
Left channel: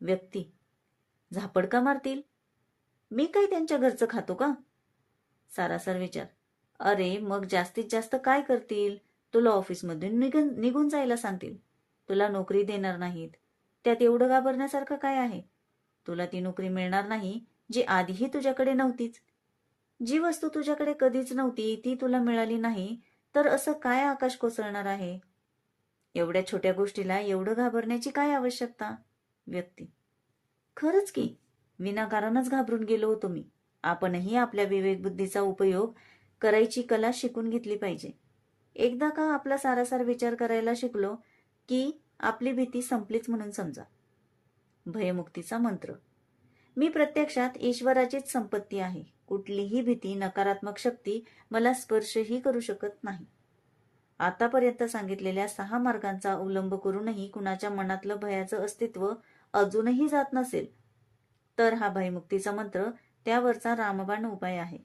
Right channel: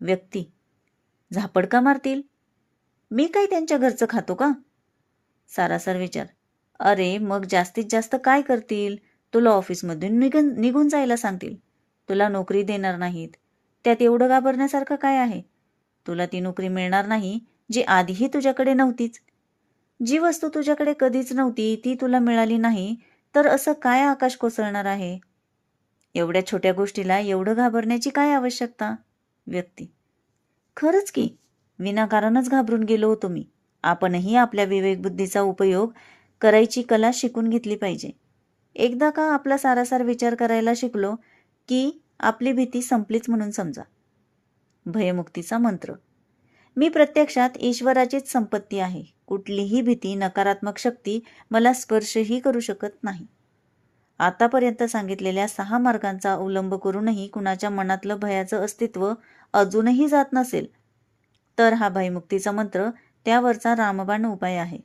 व्यक्ती: झापड का मारतील? मी काही त्यांच्या घरचं खातो का? सारासार विचार: अरे मग जास्तीत जास्त काय करतील? तुला ऑफिसमधून निघून जायला सांगतील. तुला नोकरी देणार नाहीत. त्यात एवढं घाबरण्यासारखं काय आहे? तुला ती नोकरी मिळणार नाही जी आधीही तुझ्याकडे नव्हतीच. जी वस्तू तुझ्याकडे कधीच नव्हती ती तुला मिळाली नाही तर असं काय आकाश कोसळणार आहे? एवढ्या छोट्या गोष्टीला एवढं घाबरण्याची काय आवश्यकता? व्यक्ती: खरंच की, विनाकारणच घाबरून गेलो होतो मी. आपणही आपल्या विवेकबुद्धीचा उपयोग करायची कला शिकून घेतली पाहिजे. एकदा का आपला सारासार विचार करायला शिकलो की आपली भीती संपलीच म्हणून समजा. भयमुक्तीचा मंत्र. मी प्रत्यक्षात ईश्वराचीच संपत्ती आहे. कुठलीही भीती, नकारात्मक शक्ती मला स्पर्शही करू शकत नाही. आतापर्यंत सांगितलेल्या 6 मार्गांचा अवलंब करूनही कुणाच्या मनातलं भयाचं अस्तित्व अजूनही जात नसेल तर हा भयमुक्तीचा मंत्र त्यावरचा रामबाण उपाय आहे.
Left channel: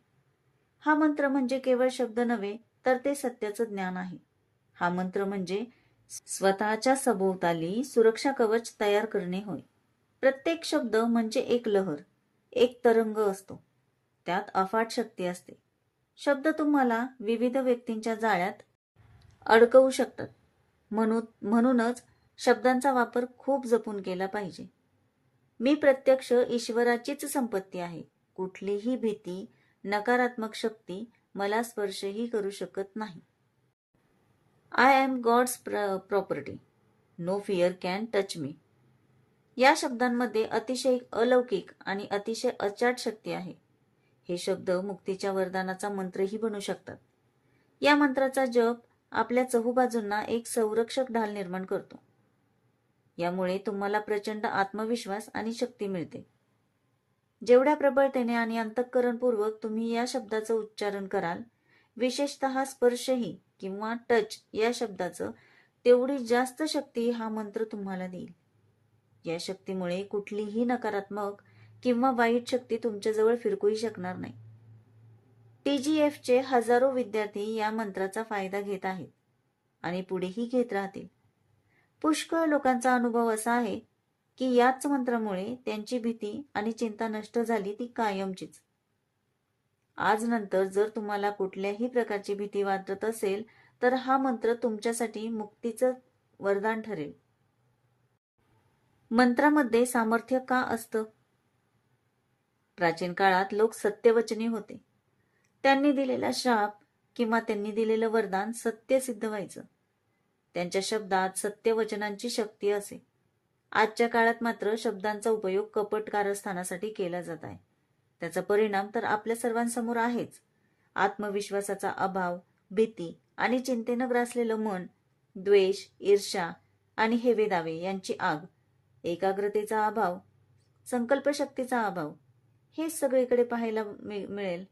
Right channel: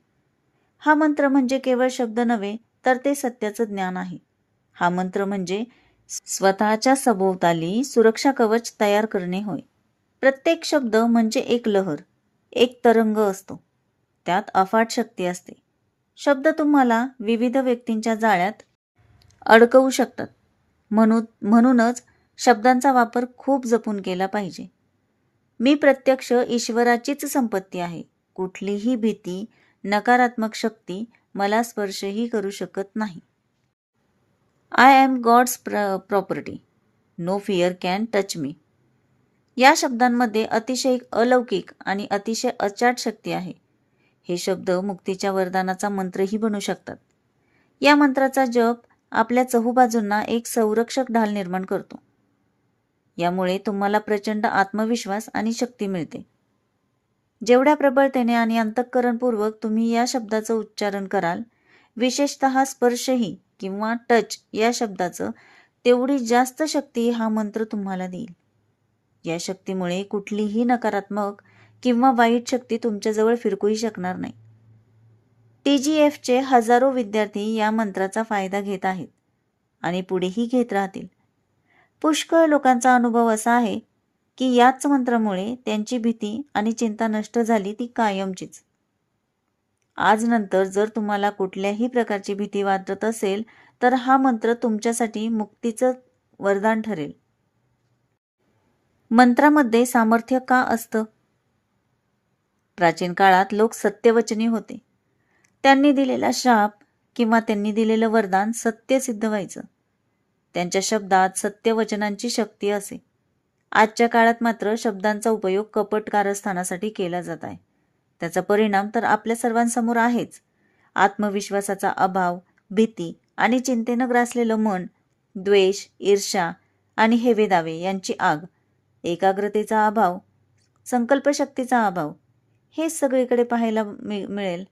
हा मंत्र म्हणजे केवळ शब्द नव्हे तर ते सत्याचं ज्ञान आहे. हा मंत्र म्हणजे स्वतःच्या सभोवताली सुरक्षा कवच तयार करणे होय. प्रत्येक शब्द म्हणजे एक लहर, एक तरंग असतो. त्यात अफाट शक्ती असते. शब्द तुम्हाला विविध व्यक्तींच्या जाळ्यात अडकवू शकतात. म्हणूनच शब्दांचा वापर खूप जपून केला पाहिजे. मी प्रत्यक्ष ईश्वराचीच संपत्ती आहे. कुठलीही भीती, नकारात्मक शक्ती मला स्पर्शही करू शकत नाही. I am God's property. No fear can touch me. या शब्दांमध्ये अतिशय अलौकिक आणि अतिशय अचाट शक्ती आहे. हे शब्द मुक्तीच्या वरदानाचा मंत्रही बनू शकतात. या मंत्राचा जप आपल्या चहूबाजूंना एक संरक्षक ढाल निर्माण करतो. यामुळे तुम्हाला प्रचंड आत्मविश्वास आणि शक्ती मिळते. जेवढ्या प्रबळतेने आणि अंतःकरणपूर्वक तुम्ही या शब्दाचं उच्चारण कराल, विशेषतः स्पर्शही किंवा टच या शब्दाचं, तेवढी जास्त शक्ती हा मंत्र तुम्हाला देईल. या शक्तीमुळे कुठलीही नकारात्मक किंवा वाईट शक्ती तुमच्याजवळ फिरकूही शकणार नाही. TGFचे हजारो विद्यार्थी या मंत्राचा फायदा घेत आहेत आणि पुढेही घेत राहतील. पुष्कळ लोकांचा अनुभव असा आहे की याच मंत्रामुळे त्यांची भीती आणि चिंता नष्ट झाली ती कायमचीच. आज नंतर जर तुम्हाला कुठल्याही प्रकारची भीती वाटत असेल तर हा मंत्र तुमच्यासाठी मुक्तीचं वरदान ठरेल. मंत्रामध्ये सामर्थ्य का असतं? प्राचीन काळात लोक सत्यवचनी होते. त्यांनी दिलेला शाप किंवा त्यांनी दिलेलं वरदान सत्य सिद्ध व्हायचं. त्यांच्या शब्दात सत्यवचनांची शक्ती असे. आजच्या काळात मात्र शब्दांचा उपयोग कपट कारस्थानासाठी केला जात आहे. त्याचा परिणाम तर आपल्या सर्वांसमोर आहेच. आत्मविश्वासाचा अभाव, भीती आणि चिंतेनं ग्रासलेलं मन, द्वेष, ईर्ष्या आणि हेवेदावे यांची आग, एकाग्रतेचा अभाव, संकल्पशक्तीचा अभाव, हे सगळीकडे पाहायला मिळेल.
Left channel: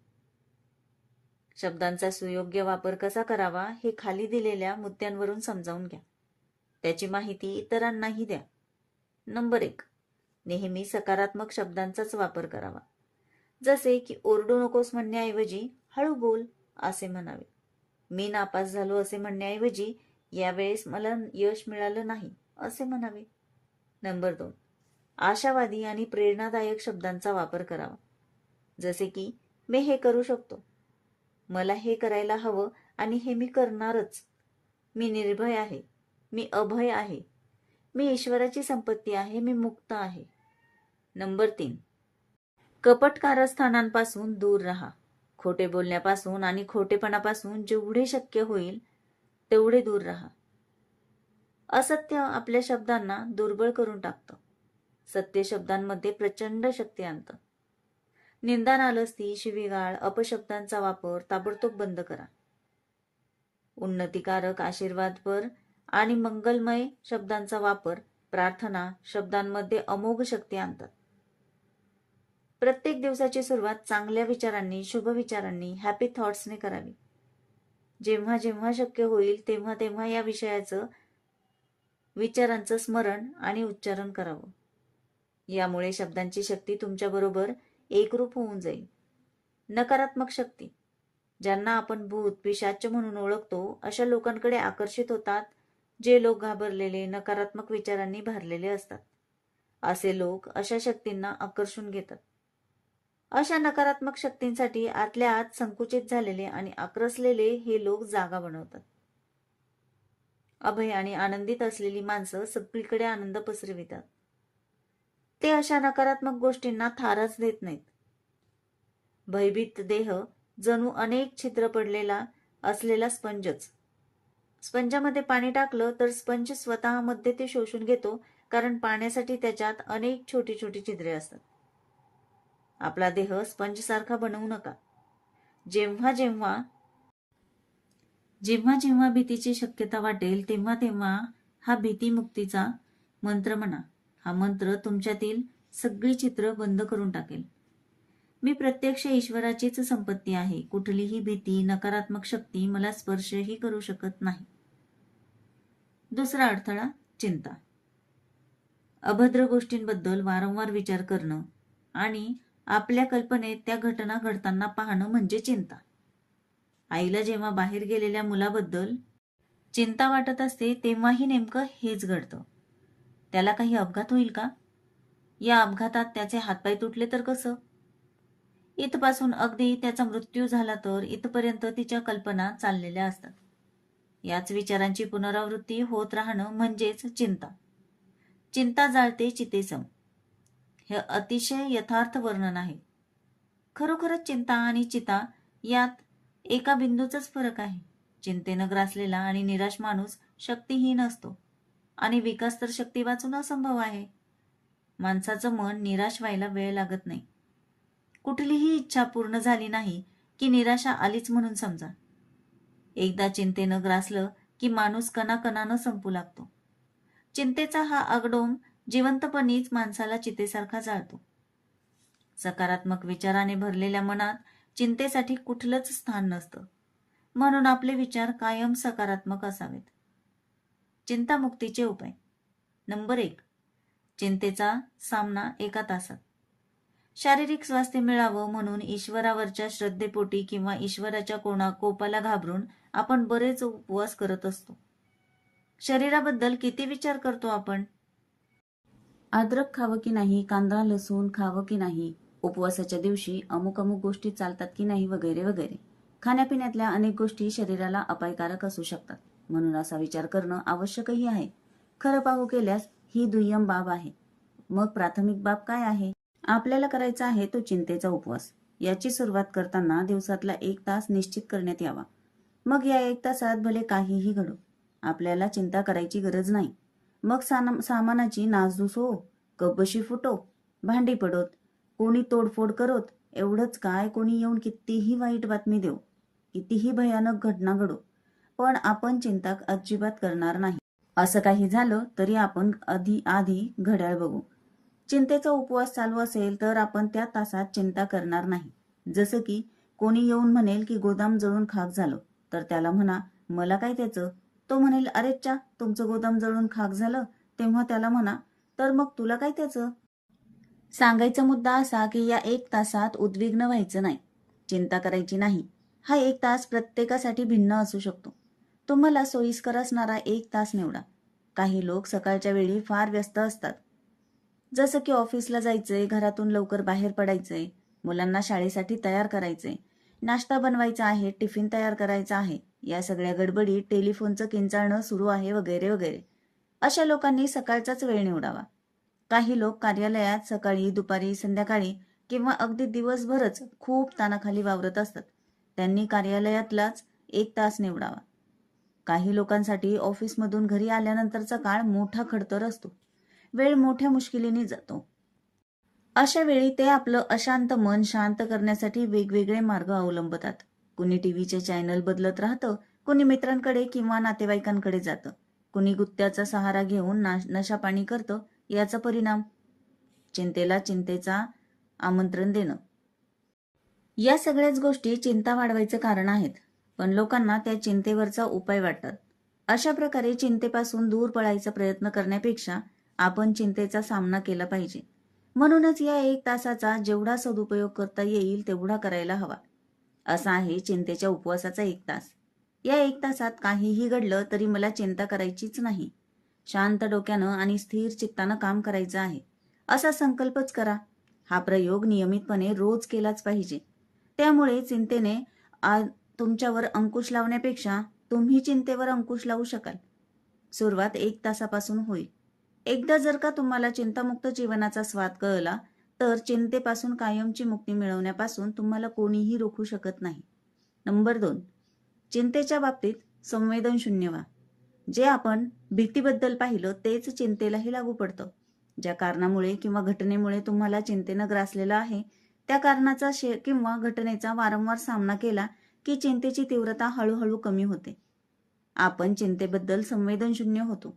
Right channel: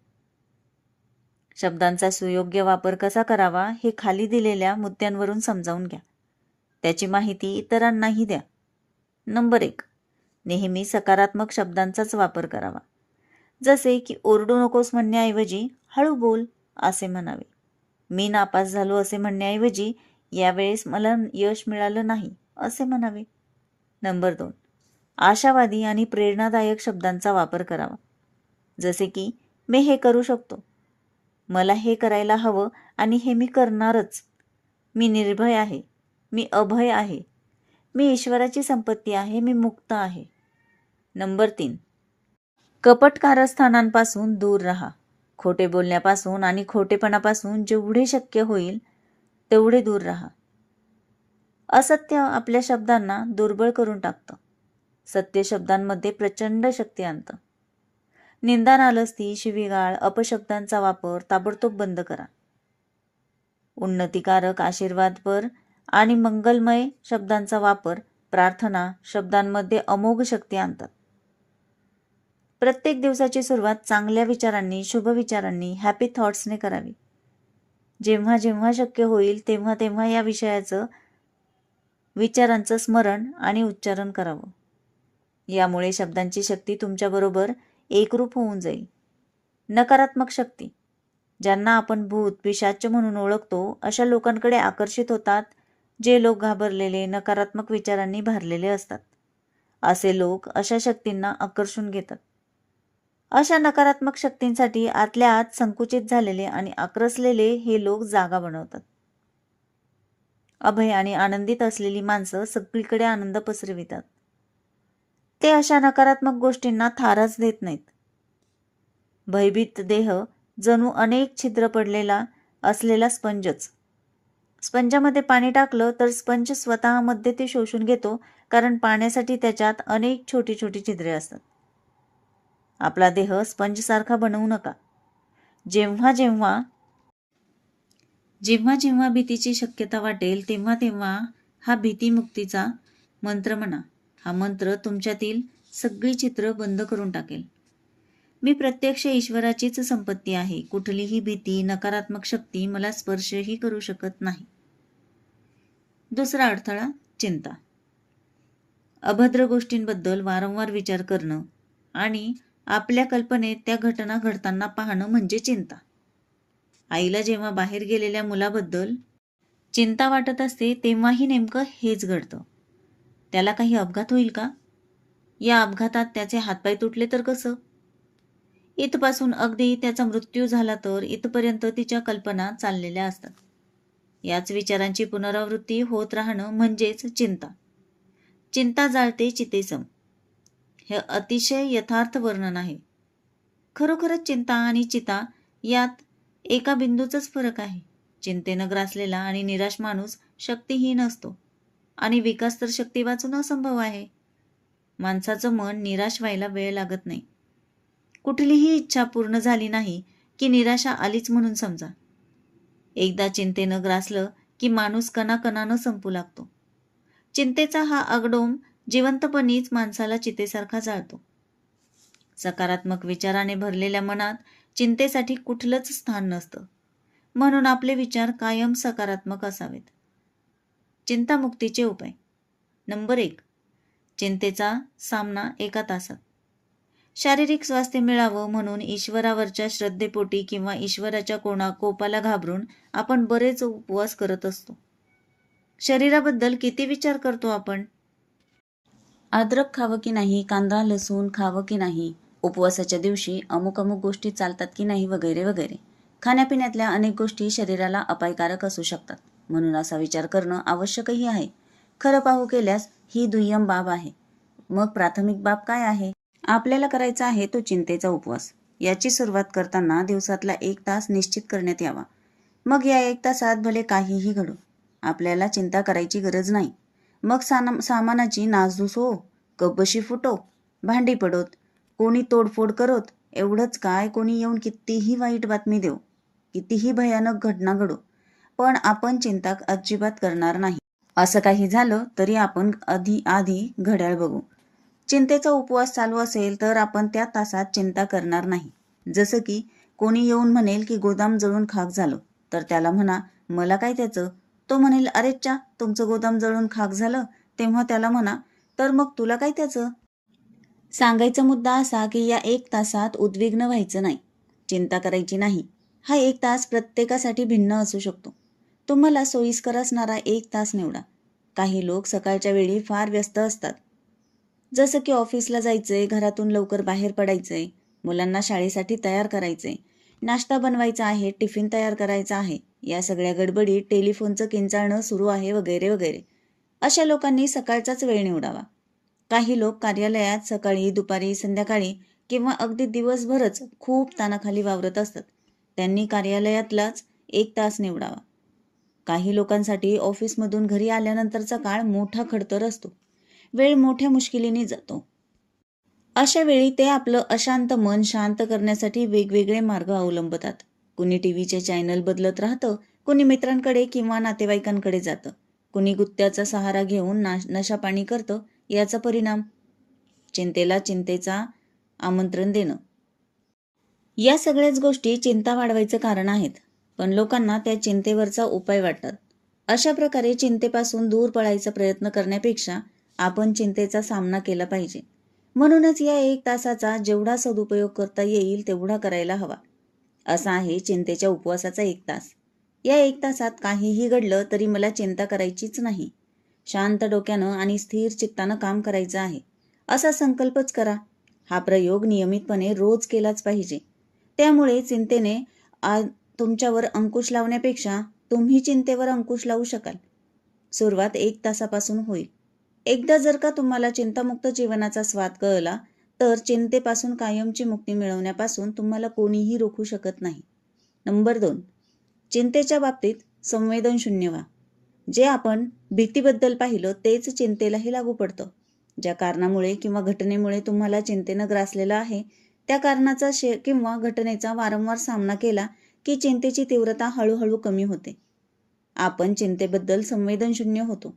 शब्दांचा सुयोग्य वापर कसा करावा हे खाली दिलेल्या मुद्द्यांवरून समजावून घ्या. त्याची माहिती इतरांनाही द्या. नंबर 1. नेहमी सकारात्मक शब्दांचाच वापर करावा. जसे की ओरडू नकोस म्हणण्याऐवजी हळू बोल असे म्हणावे. मी नापास झालो असे म्हणण्याऐवजी यावेळेस मला यश मिळालं नाही असे म्हणावे. नंबर 2, आशावादी आणि प्रेरणादायक शब्दांचा वापर करावा. जसे की मी हे करू शकतो, मला हे करायला हवं आणि हे मी करणारच, मी निर्भय आहे, मी अभय आहे, मी ईश्वराची संपत्ती आहे, मी मुक्त आहे. नंबर 3, कपट कारस्थानांपासून दूर राहा. खोटे बोलण्यापासून आणि खोटेपणापासून जेवढे शक्य होईल तेवढे दूर राहा. असत्य आपल्या शब्दांना दुर्बळ करून टाकतं. सत्य शब्दांमध्ये प्रचंड शक्ती आणतं. निंदा, नालस्ती, शिवीगाळ, अपशब्दांचा वापर ताबडतोब बंद करा. उन्नतिकारक, आशीर्वादपर आणि मंगलमय शब्दांचा वापर, प्रार्थना शब्दांमध्ये अमोघ शक्ती आणतात. प्रत्येक दिवसाची सुरुवात चांगल्या विचारांनी, शुभ विचारांनी, हॅपी थॉट्सने करावी. जेव्हा जेव्हा शक्य होईल तेव्हा तेव्हा या विचारांचं स्मरण आणि उच्चारण करावं. यामुळे शब्दांची शक्ती तुमच्याबरोबर एकरूप होऊन जाईल. नकारात्मक शक्ती, ज्यांना आपण भूत, पिशाच म्हणून ओळखतो, अशा लोकांकडे आकर्षित होतात जे लोक घाबरलेले, नकारात्मक विचारांनी भरलेले असतात. असे लोक अशा शक्तींना आकर्षून घेतात. अशा नकारात्मक शक्तींसाठी आतल्या आत संकुचित झालेले आणि आक्रसलेले हे लोक जागा बनवतात. अभय आणि आनंदित असलेली माणसं सगळीकडे आनंद पसरवितात. ते अशा नकारात्मक गोष्टींना थाराच देत नाहीत. भयभीत देह जणू अनेक छिद्र पडलेला असलेला स्पंजच. स्पंजामध्ये पाणी टाकलं तर स्पंज स्वतःमध्ये ते शोषून घेतो, कारण पाण्यासाठी त्याच्यात अनेक छोटी छोटी छिद्रे असतात. आपला देह स्पंजसारखा बनवू नका. जेव्हा जेव्हा जेव्हा जेव्हा भीतीची शक्यता वाटेल तेव्हा तेव्हा हा भीतीमुक्तीचा मंत्र म्हणा. हा मंत्र तुमच्यातील सगळी चित्र बंद करून टाकेल. मी प्रत्यक्ष ईश्वराचीच संपत्ती आहे. कुठलीही भीती, नकारात्मक शक्ती मला स्पर्शही करू शकत नाही. दुसरा अडथळा, चिंता. अभद्र गोष्टींबद्दल वारंवार विचार करणं आणि आपल्या कल्पनेत त्या घटना घडताना पाहणं म्हणजे चिंता. आईला जेव्हा बाहेर गेलेल्या मुलाबद्दल चिंता वाटत असते तेव्हाही नेमकं हेच घडतं. त्याला काही अपघात होईल का? या अपघातात त्याचे हातपाय तुटले तर कसं? इथपासून अगदी त्याचा मृत्यू झाला तर इथपर्यंत तिच्या कल्पना चाललेल्या असतात. याच विचारांची पुनरावृत्ती होत राहणं म्हणजेच चिंता. चिंता जाळते चितेसम. हे अतिशय यथार्थ वर्णन आहे. खरोखरच चिंता आणि चिता यात एका बिंदूचाच फरक आहे. चिंतेनं ग्रासलेला आणि निराश माणूस शक्तिहीन असतो आणि विकास तर शक्ती वाचून असंभव आहे. माणसाचं मन निराश व्हायला वेळ लागत नाही. कुठलीही इच्छा पूर्ण झाली नाही की निराशा आलीच म्हणून समजा. एकदा चिंतेनं ग्रासलं की माणूस कणाकणानं संपू लागतो. चिंतेचा हा आगडोम जिवंतपणीच माणसाला चितेसारखा जाळतो. सकारात्मक विचाराने भरलेल्या मनात चिंतेसाठी कुठलंच स्थान नसतं. म्हणून आपले विचार कायम सकारात्मक असावेत. चिंतामुक्तीचे उपाय. नंबर 1, चिंतेचा सामना 1 तासात. शारीरिक स्वास्थ्य मिळावं म्हणून ईश्वरावरच्या श्रद्धेपोटी किंवा ईश्वराच्या कोपाला घाबरून आपण बरेच उपवास करत असतो. शरीराबद्दल किती विचार करतो आपण? अद्रक खावं की नाही, कांदा लसूण खावं की नाही, उपवासाच्या दिवशी अमुक अमुक गोष्टी चालतात की नाही, वगैरे वगैरे. खाण्यापिण्यातल्या अनेक गोष्टी शरीराला अपायकारक असू शकतात. म्हणून असा विचार करणं आवश्यकही आहे. खरं पाहू केल्यास ही दुय्यम बाब आहे. मग प्राथमिक बाब काय आहे? आपल्याला करायचा आहे तो चिंतेचा उपवास. याची सुरुवात करताना दिवसातला 1 तास निश्चित करण्यात यावा. मग या 1 तासात भले काहीही घडो, आपल्याला चिंता करायची गरज नाही. मग सामानाची नासधूस हो, कपबशी फुटो, भांडी पडोत, कोणी तोडफोड करोत, एवढंच काय कोणी येऊन कितीही वाईट बातमी देऊ, कितीही भयानक घटना घडो, पण आपण चिंता अजिबात करणार नाही. असं काही झालं तरी आपण आधी घड्याळ बघू. चिंतेचा उपवास चालू असेल तर आपण त्या तासात चिंता करणार नाही. जसं की कोणी येऊन म्हणेल की गोदाम जळून खाक झालं, तर त्याला म्हणा, मला काय त्याचं? तो म्हणेल, अरेच्चा, तुमचं गोदाम जळून खाक झालं. तेव्हा त्याला म्हणा, तर मग तुला काय त्याचं? सांगायचा मुद्दा असा की या 1 तासात उद्विग्न व्हायचं नाही, चिंता करायची नाही. हा 1 तास प्रत्येकासाठी भिन्न असू शकतो. तुम्हाला सोयीस्कर असणारा 1 तास निवडा. काही लोक सकाळच्या वेळी फार व्यस्त असतात. जसं की ऑफिसला जायचंय, घरातून लवकर बाहेर पडायचंय, मुलांना शाळेसाठी तयार करायचंय, नाश्ता बनवायचा आहे, टिफिन तयार करायचा आहे, या सगळ्या गडबडीत टेलिफोनचं किंचाळणं सुरू आहे वगैरे वगैरे. अशा लोकांनी सकाळचाच वेळ निवडावा. काही लोक कार्यालयात सकाळी, दुपारी, संध्याकाळी किंवा अगदी दिवसभरच खूप ताणाखाली वावरत असतात. त्यांनी कार्यालयातलाच 1 तास निवडावा. काही लोकांसाठी ऑफिसमधून घरी आल्यानंतरचा काळ मोठा खडतर असतो. वेळ मोठ्या मुश्किलीने जातो. अशा वेळी ते आपलं अशांत मन शांत करण्यासाठी वेगवेगळे मार्ग अवलंबतात. कुणी टीव्हीचे चॅनल बदलत राहतं, कुणी मित्रांकडे किंवा नातेवाईकांकडे जातं, कुणी गुत्त्याचा सहारा घेऊन नशापाणी करतं. याचा परिणाम चिंतेला चिंतेचा आमंत्रण देणं. या सगळ्याच गोष्टी चिंता वाढवायचं कारण आहेत, पण लोकांना त्या चिंतेवरचा उपाय वाटतात. अशा प्रकारे चिंतेपासून दूर पळायचा प्रयत्न करण्यापेक्षा आपण चिंतेचा सामना केला पाहिजे. म्हणूनच या 1 तासाचा जेवढा सदुपयोग करता येईल तेवढा करायला हवा. असा आहे चिंतेच्या उपवासाचा 1 तास. या 1 तासात काहीही घडलं तरी मला चिंता करायचीच नाही. शांत डोक्यानं आणि स्थिर चित्तानं काम करायचं आहे, असा संकल्पच करा. हा प्रयोग नियमितपणे रोज केलाच पाहिजे. त्यामुळे चिंतेने तुमच्यावर अंकुश लावण्यापेक्षा तुम्ही चिंतेवर अंकुश लावू शकाल. सुरुवात 1 तासापासून होईल. एकदा जर का तुम्हाला चिंतामुक्त जीवनाचा स्वाद कळला तर चिंतेपासून कायमची मुक्ती मिळवण्यापासून तुम्हाला कोणीही रोखू शकत नाही. नंबर 2, चिंतेच्या बाबतीत संवेदनशून्य व्हा. जे आपण भीतीबद्दल पाहिलं तेच चिंतेलाही लागू पडतं. ज्या कारणामुळे किंवा घटनेमुळे तुम्हाला चिंतेनं ग्रासलेलं आहे, त्या कारणाचा किंवा घटनेचा वारंवार सामना केला की चिंतेची तीव्रता हळूहळू कमी होते. आपण चिंतेबद्दल संवेदनशून्य होतो.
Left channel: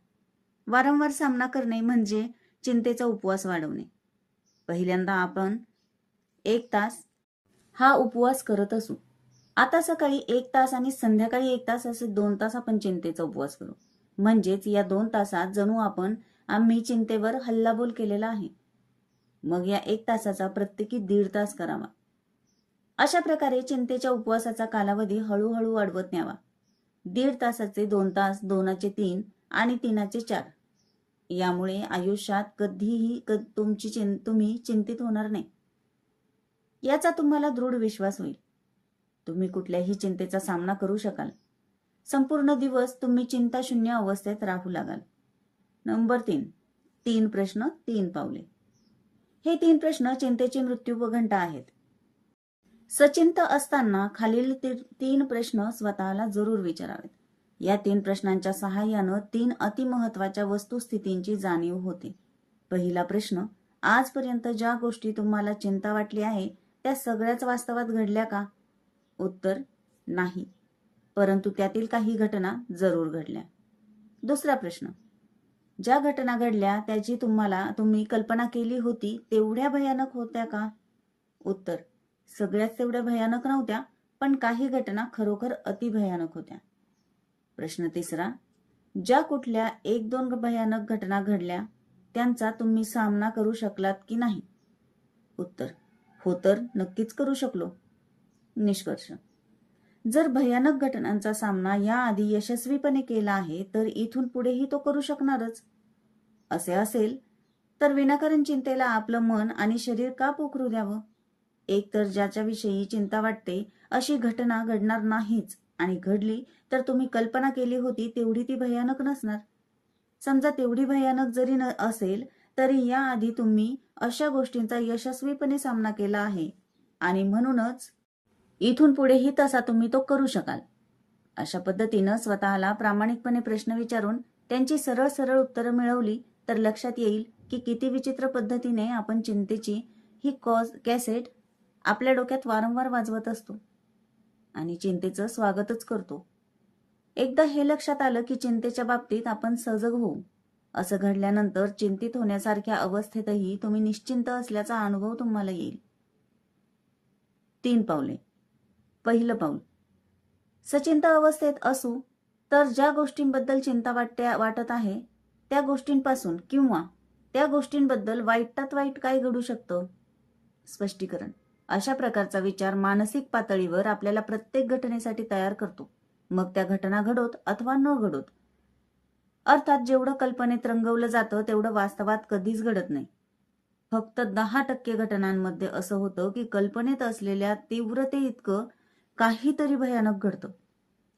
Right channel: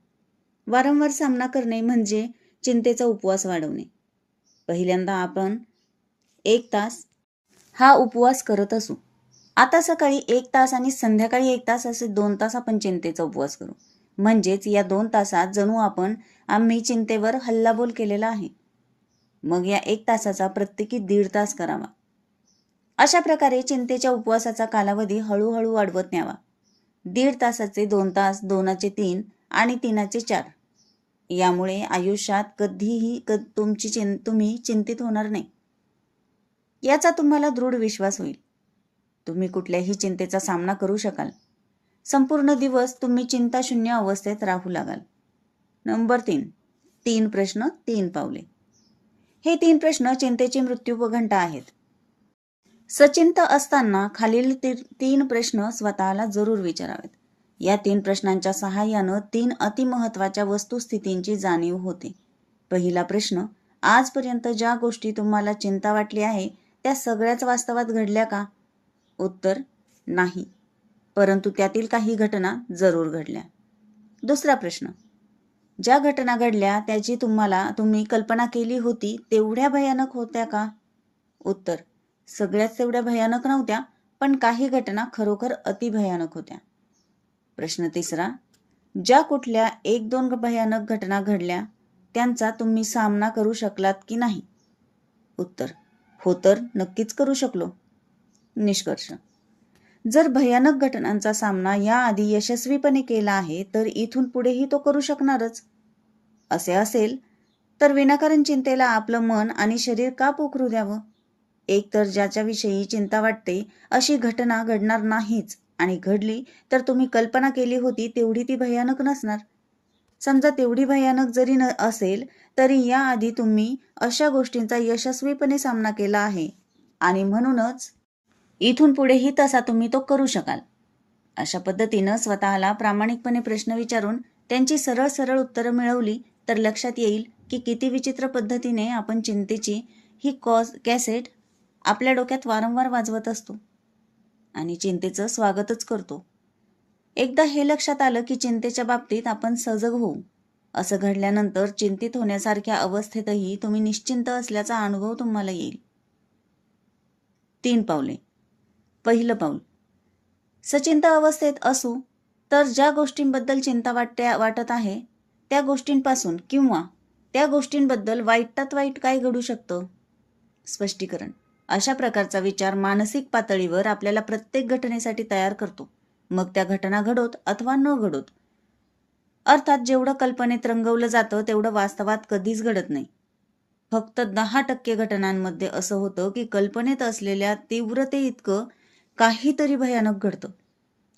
वारंवार सामना करणे म्हणजे चिंतेचा उपवास वाढवणे. पहिल्यांदा आपण 1 तास हा उपवास करत असू. आता सकाळी 1 तास आणि संध्याकाळी 1 तास असे 2 तास आपण चिंतेचा उपवास करू. म्हणजेच या 2 तासात जणू आम्ही चिंतेवर हल्लाबोल केलेला आहे. मग या 1 तासाचा प्रत्येकी 1.5 तास करावा. अशा प्रकारे चिंतेच्या उपवासाचा कालावधी हळूहळू वाढवत न्यावा. 1.5 तासाचे 2 तास, 2चे 3 आणि 3चे 4. यामुळे आयुष्यात कधीही तुम्ही चिंतित होणार नाही, याचा तुम्हाला दृढ विश्वास होईल. तुम्ही कुठल्याही चिंतेचा सामना करू शकाल. संपूर्ण दिवस तुम्ही चिंताशून्य अवस्थेत राहू लागाल. नंबर 3, 3 प्रश्न 3 पावले. हे 3 प्रश्न चिंतेची मृत्यूघंटा आहेत. सचिंत असताना खालील 3 प्रश्न स्वतःला जरूर विचारावेत. या 3 प्रश्नांच्या सहाय्यानं 3 अतिमहत्वाच्या वस्तुस्थितींची जाणीव होते. पहिला प्रश्न, आजपर्यंत ज्या गोष्टी तुम्हाला चिंता वाटली आहे त्या सगळ्याच वास्तवात घडल्या का? उत्तर, नाही, परंतु त्यातील काही घटना जरूर घडल्या. दुसरा प्रश्न, ज्या घटना घडल्या त्याची तुम्ही कल्पना केली होती तेवढ्या भयानक होत्या का? उत्तर, सगळ्याच तेवढ्या भयानक नव्हत्या, पण काही घटना खरोखर अतिभयानक होत्या. प्रश्न तिसरा, ज्या कुठल्या 1-2 भयानक घटना घडल्या त्यांचा तुम्ही सामना करू शकलात की नाही? उत्तर, हो तर नक्कीच करू शकलो. निष्कर्ष, जर भयानक घटनांचा सामना याआधी यशस्वीपणे केला आहे तर इथून पुढेही तो करू शकणारच. असे असेल तर विनाकारण चिंतेला आपलं मन आणि शरीर का पोखरू द्यावं? एकतर ज्याच्याविषयी चिंता वाटते अशी घटना घडणार नाहीच, आणि घडली तर तुम्ही कल्पना केली होती तेवढी ती भयानक नसणार. समजा तेवढी भयानक जरी असेल तरी याआधी तुम्ही अशा गोष्टींचा यशस्वीपणे सामना केला आहे आणि म्हणूनच इथून पुढेही तसा तुम्ही तो करू शकाल. अशा पद्धतीनं स्वतःला प्रामाणिकपणे प्रश्न विचारून त्यांची सरळ सरळ उत्तरं मिळवली तर लक्षात येईल की किती विचित्र पद्धतीने आपण चिंतेची ही कॅसेट आपल्या डोक्यात वारंवार वाजवत असतो आणि चिंतेचं स्वागतच करतो. एकदा हे लक्षात आलं की चिंतेच्या बाबतीत आपण सजग होऊ. असं घडल्यानंतर चिंतित होण्यासारख्या अवस्थेतही तुम्ही निश्चिंत असल्याचा अनुभव तुम्हाला येईल. 3 पावले. पहिलं पाऊल, सचिंत अवस्थेत असू तर ज्या गोष्टींबद्दल चिंता वाटत आहे त्या गोष्टींपासून किंवा त्या गोष्टींबद्दल वाईटात वाईट काय घडू शकतं? स्पष्टीकरण. अशा प्रकारचा विचार मानसिक पातळीवर आपल्याला प्रत्येक घटनेसाठी तयार करतो, मग त्या घटना घडोत अथवा न घडोत. अर्थात जेवढं कल्पनेत रंगवलं जातं तेवढं वास्तवात कधीच घडत नाही. फक्त 10% घटनांमध्ये असं होतं की कल्पनेत असलेल्या तीव्रतेइतकं काहीतरी भयानक घडतं.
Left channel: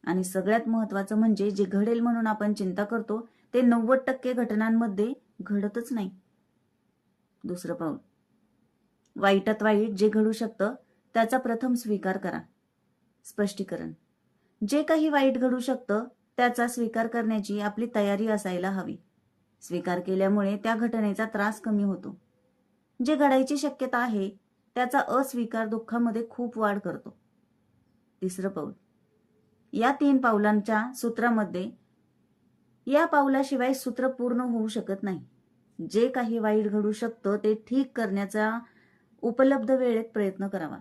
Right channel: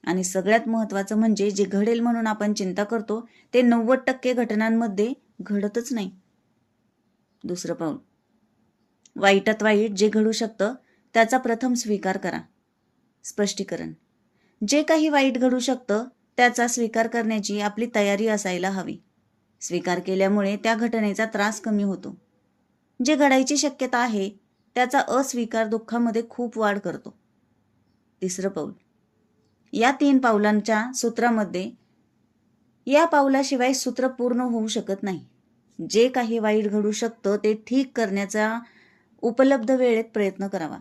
आणि सगळ्यात महत्त्वाचं म्हणजे जे घडेल म्हणून आपण चिंता करतो ते 90% घटनांमध्ये घडतच नाही. दुसरं पाऊल. वाईटात वाईट जे घडू शकतं त्याचा प्रथम स्वीकार करा. स्पष्टीकरण. जे काही वाईट घडू शकतं त्याचा स्वीकार करण्याची आपली तयारी असायला हवी. स्वीकार केल्यामुळे त्या घटनेचा त्रास कमी होतो. जे घडायची शक्यता आहे त्याचा अस्वीकार दुःखामध्ये खूप वाढ करतो. तिसरं पाऊल. या 3 पावलांच्या सूत्रामध्ये या पावलाशिवाय सूत्र पूर्ण होऊ शकत नाही. जे काही वाईट घडू शकतं ते ठीक करण्याचा उपलब्ध वेळेत प्रयत्न करावा.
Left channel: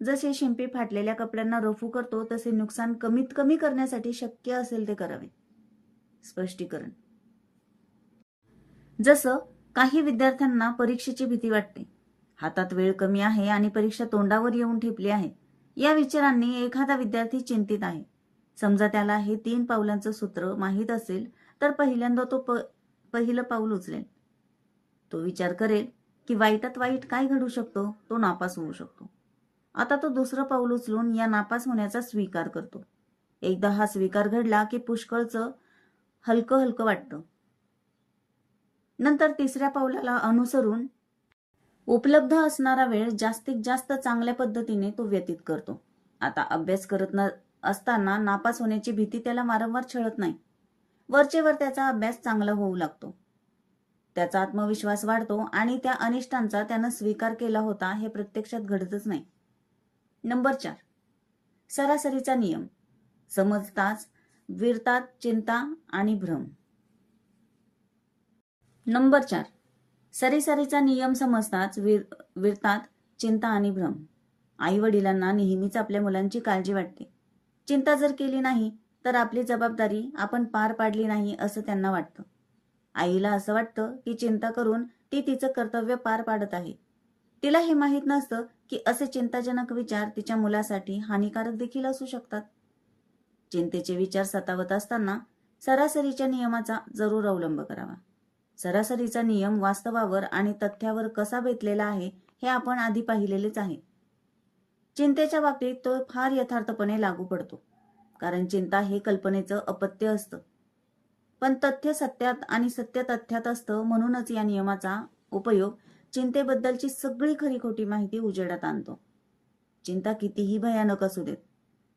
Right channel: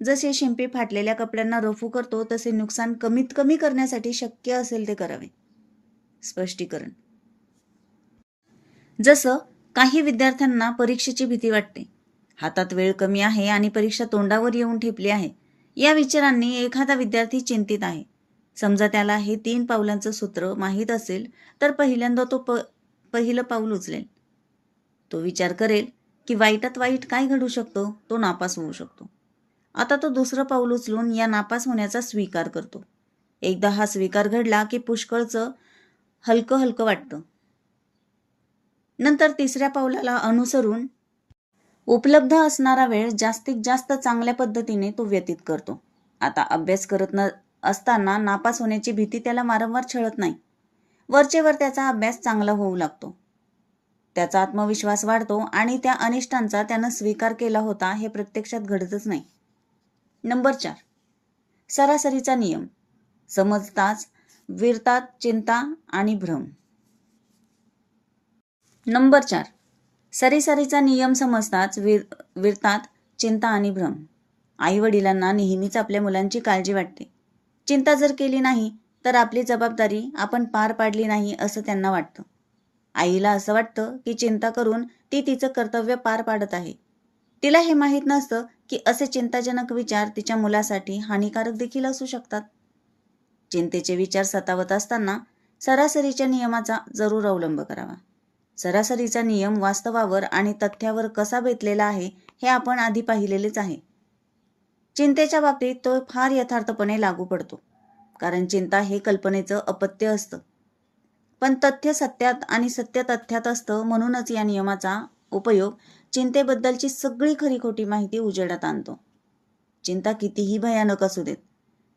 जसे शिंपी फाटलेल्या कपड्यांना रफू करतो तसे नुकसान कमीत कमी करण्यासाठी शक्य असेल ते करावे. स्पष्टीकरण. जसं काही विद्यार्थ्यांना परीक्षेची भीती वाटते. हातात वेळ कमी आहे आणि परीक्षा तोंडावर येऊन ठेपली आहे. या विचारांनी एखादा विद्यार्थी चिंतित आहे. समजा त्याला हे 3 पावलांचं सूत्र माहीत असेल तर पहिल्यांदा तो पहिलं पाऊल उचलेल. तो विचार करेल की वाईटात वाईट काय घडू शकतो, तो नापास होऊ शकतो. आता तो दुसरं पाऊल उचलून या नापास होण्याचा स्वीकार करतो. एकदा हा स्वीकार घडला की पुष्कळचं हलकं हलकं वाटतं. नंतर तिसऱ्या पावलाला अनुसरून उपलब्ध असणारा वेळ जास्तीत जास्त चांगल्या पद्धतीने तो व्यतीत करतो. आता अभ्यास करत असताना नापास होण्याची भीती त्याला वारंवार छळत नाही. वरचेवर त्याचा अभ्यास चांगला होऊ लागतो. त्याचा आत्मविश्वास वाढतो आणि त्या अनिष्टांचा त्यानं स्वीकार केला होता हे प्रत्यक्षात घडतच नाही. नंबर 4. सरासरीचा नियम. समजताच विरतात चिंता आणि भ्रम. नंबर 4. सरासरीचा नियम समजताच विरतात चिंता आणि भ्रम. आई वडिलांना नेहमीच आपल्या मुलांची काळजी वाटते. चिंता जर केली नाही तर आपली जबाबदारी आपण पार पाडली नाही असं त्यांना वाटतं. आईला असं वाटतं की चिंता करून ती तिचं कर्तव्य पार पाडत आहे. तिला हे माहीत नसतं की असे चिंताजनक विचार तिच्या मुलासाठी हानिकारक देखील असू शकतात. चिंतेचे विचार सतावत असताना सरासरीच्या नियमाचा जरूर अवलंब करावा. सरासरीचा नियम वास्तवावर आणि तथ्यावर कसा बेतलेला आहे हे आपण आधी पाहिलेलेच आहे. चिंतेच्या बाबतीत तो फार यथार्थपणे लागू पडतो, कारण चिंता हे कल्पनेचं अपत्य असतं. पण तथ्य सत्यात आणि सत्य तथ्यात असतं. म्हणूनच या नियमाचा उपयोग चिंतेबद्दलची सगळी खरी खोटी माहिती उजेडात आणतो. चिंता कितीही भयानक असू देत,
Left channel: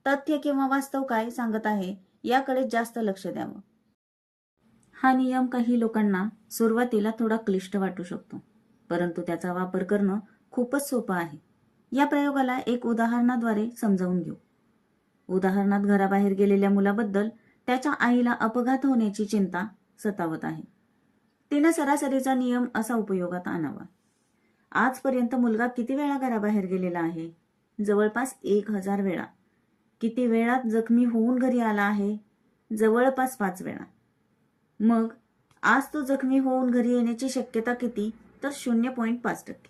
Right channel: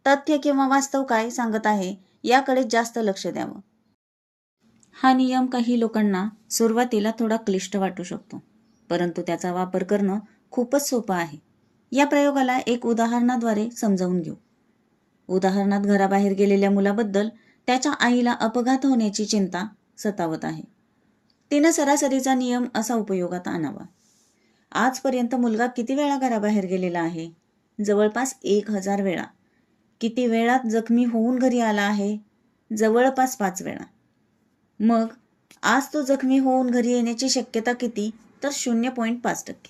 तथ्य किंवा वास्तव काय सांगत आहे याकडे जास्त लक्ष द्यावं. हा नियम काही लोकांना सुरुवातीला थोडा क्लिष्ट वाटू शकतो, परंतु त्याचा वापर करणं खूपच सोपं आहे. या प्रयोगाला एक उदाहरणाद्वारे समजावून घेऊ. उदाहरणात घराबाहेर गेलेल्या मुलाबद्दल त्याच्या आईला अपघात होण्याची चिंता सतावत आहे. तिनं सरासरीचा नियम असा उपयोगात आणावा. आजपर्यंत मुलगा किती वेळा घराबाहेर गेलेला आहे? जवळपास 1000 वेळा. किती वेळात जखमी होऊन घरी आला आहे? जवळपास 5 वेळा. मग आज तो जखमी होऊन घरी येण्याची शक्यता किती? तर 0.5%.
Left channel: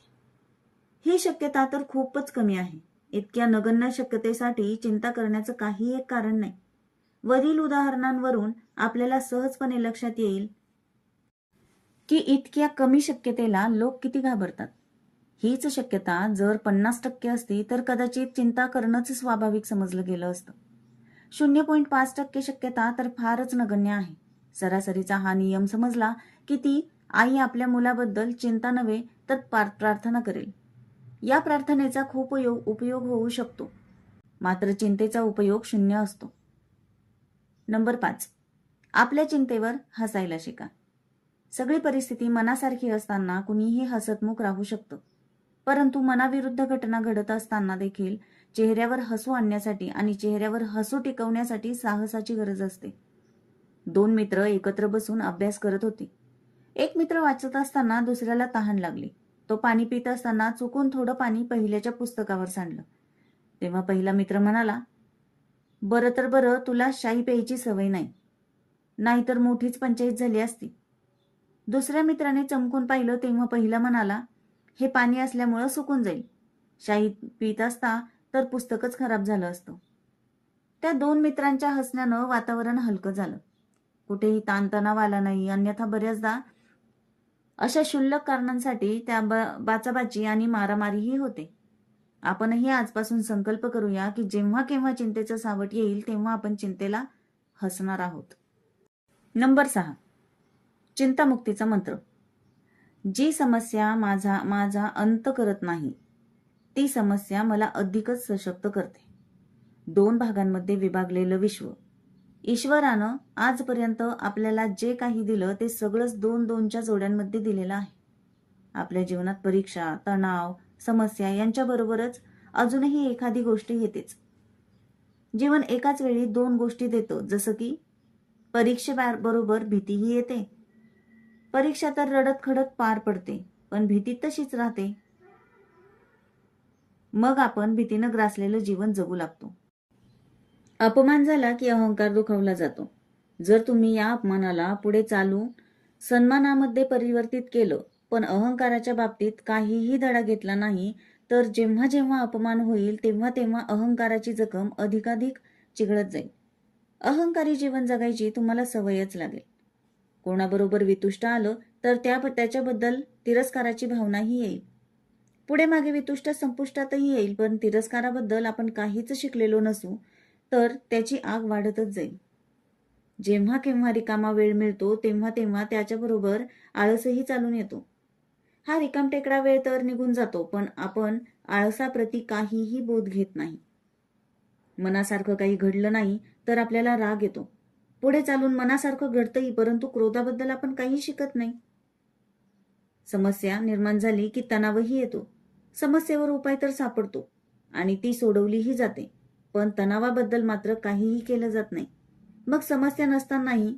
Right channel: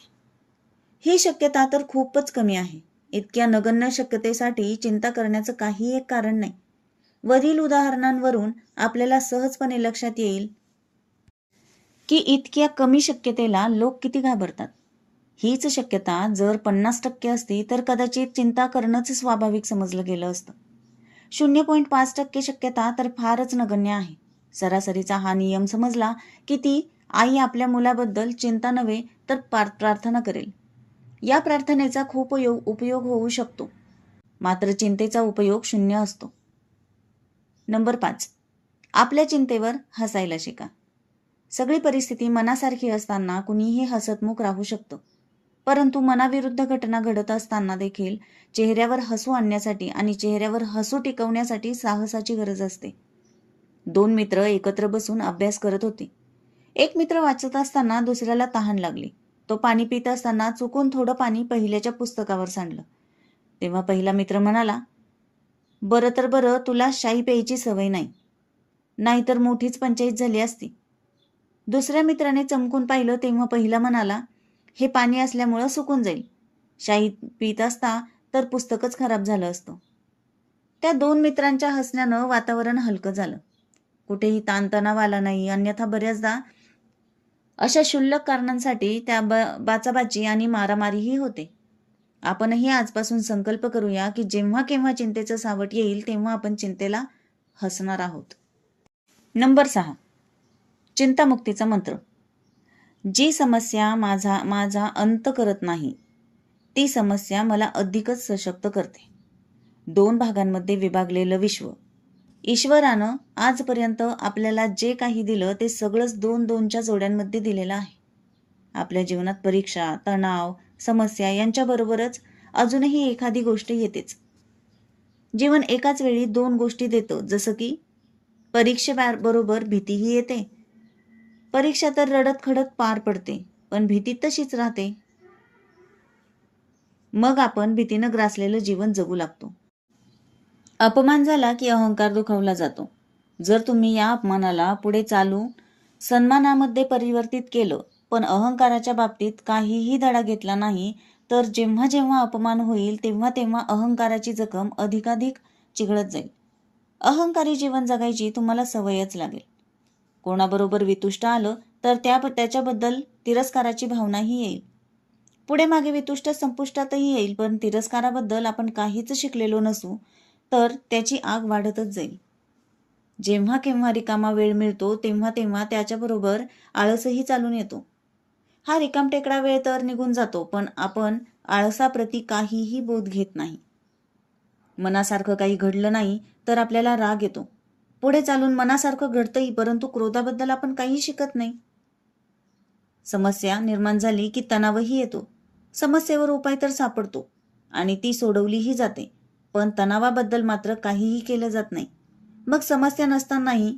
ही शक्यता तर खूपच कमी आहे. इतक्या नगण्य शक्यतेसाठी चिंता करण्याचं काही एक कारण नाही. वरील उदाहरणांवरून आपल्याला सहजपणे लक्षात येईल की इतक्या कमी शक्यतेला लोक किती घाबरतात. हीच शक्यता जर 50% असती तर कदाचित चिंता करणंच स्वाभाविक समजलं गेलं असतं. 0.5% शक्यता तर फारच नगण्य आहे. सरासरीचा हा नियम समजला की ती आई आपल्या मुलाबद्दल चिंता नव्हे तर प्रार्थना करेल. या प्रार्थनेचा खूप उपयोग होऊ शकतो, मात्र चिंतेचा उपयोग 0 असतो. नंबर 5. आपल्या चिंतेवर हसायला शिका. सगळी परिस्थिती मनासारखी असताना कुणीही हसतमुख राहू शकतं, परंतु मनाविरुद्ध घटना घडत असताना देखील चेहऱ्यावर हसू आणण्यासाठी आणि चेहऱ्यावर हसू टिकवण्यासाठी साहसाची गरज असते. 2 मित्र एकत्र बसून अभ्यास करत होते. एक मित्र वाचत असताना दुसऱ्याला तहान लागली. तो पाणी पित असताना चुकून थोडं पाणी पहिल्याच्या पुस्तकावर सांडलं. तेव्हा पहिला मित्र म्हणाला, बरं तर बरं तुला शाई प्यायची सवय नाही, नाहीतर मोठीच पंचायत झाली असती. दुसऱ्या मित्राने चमकून पाहिलं तेव्हा पहिला म्हणाला, हे पाणी असल्यामुळं सुकून जाईल. शाही पित असता तर पुस्तकच खराब झालं असतं. त्या 2 मित्रांच्या हसण्यानं वातावरण हलकं झालं. कुठेही ताणतणाव आला नाही. अन्यथा बऱ्याचदा अशा क्षुल्लक कारणांसाठी त्या बाचाबाची आणि मारामारीही होते. आपणही आजपासून संकल्प करूया की जेव्हा केव्हा चिंतेचं सावट येईल तेव्हा आपण चिंतेला हसणार आहोत. नंबर 6. चिंतामुक्तीचा मंत्र. जी समस्या माझा अंत करत नाही, ती समस्या मला अधिकच सशक्त करते. 2 भागांमध्ये विभागलेलं विश्व. ईश्वरानं आजपर्यंत आपल्याला जे काही दिलं ते सगळंच 2-2च्या जोड्यांमध्ये दिलेलं आहे. आपल्या जीवनात परीक्षा, तणाव, समस्या यांच्याबरोबरच अजूनही एखादी गोष्ट येतेच. जीवन एकाच वेळी 2 गोष्टी देतं, जसं की परीक्षेबरोबर भीतीही येते. परीक्षा तर रडत खडत पार पडते, पण भीती तशीच राहते. मग आपण भीतीनं ग्रासलेलं जीवन जगू लागतो. अपमान झाला की अहंकार दुखावला जातो. जर तुम्ही या अपमानाला पुढे चालून सन्मानामध्ये परिवर्तित केलं, पण अहंकाराच्या बाबतीत काहीही धडा घेतला नाही, तर जेव्हा जेव्हा अपमान होईल तेव्हा तेव्हा अहंकाराची जखम अधिकाधिक चिघळत जाईल. अहंकारी जीवन जगायची तुम्हाला सवयच लागेल. कोणाबरोबर वितुष्ट आलं तर त्याच्याबद्दल तिरस्काराची भावनाही येईल. पुढे मागे वितुष्ट संपुष्टातही येईल, पण तिरस्काराबद्दल आपण काहीच शिकलेलो नसू तर त्याची आग वाढतच जाईल. जेव्हा केव्हा रिकामा वेळ मिळतो तेव्हा तेव्हा त्याच्याबरोबर आळसही चालून येतो. हा रिकामटेकडा वेळ तर निघून जातो, पण आपण आळसाप्रती काहीही बोध घेत नाही. मनासारखं काही घडलं नाही तर आपल्याला राग येतो. पुढे चालून मनासारखं घडतंही, परंतु क्रोधाबद्दल आपण काही शिकत नाही. समस्या निर्माण झाली की तणावही येतो. समस्येवर उपाय तर सापडतो आणि ती सोडवलीही जाते, पण तणावाबद्दल मात्र काहीही केलं जात नाही. मग समस्या नसतानाही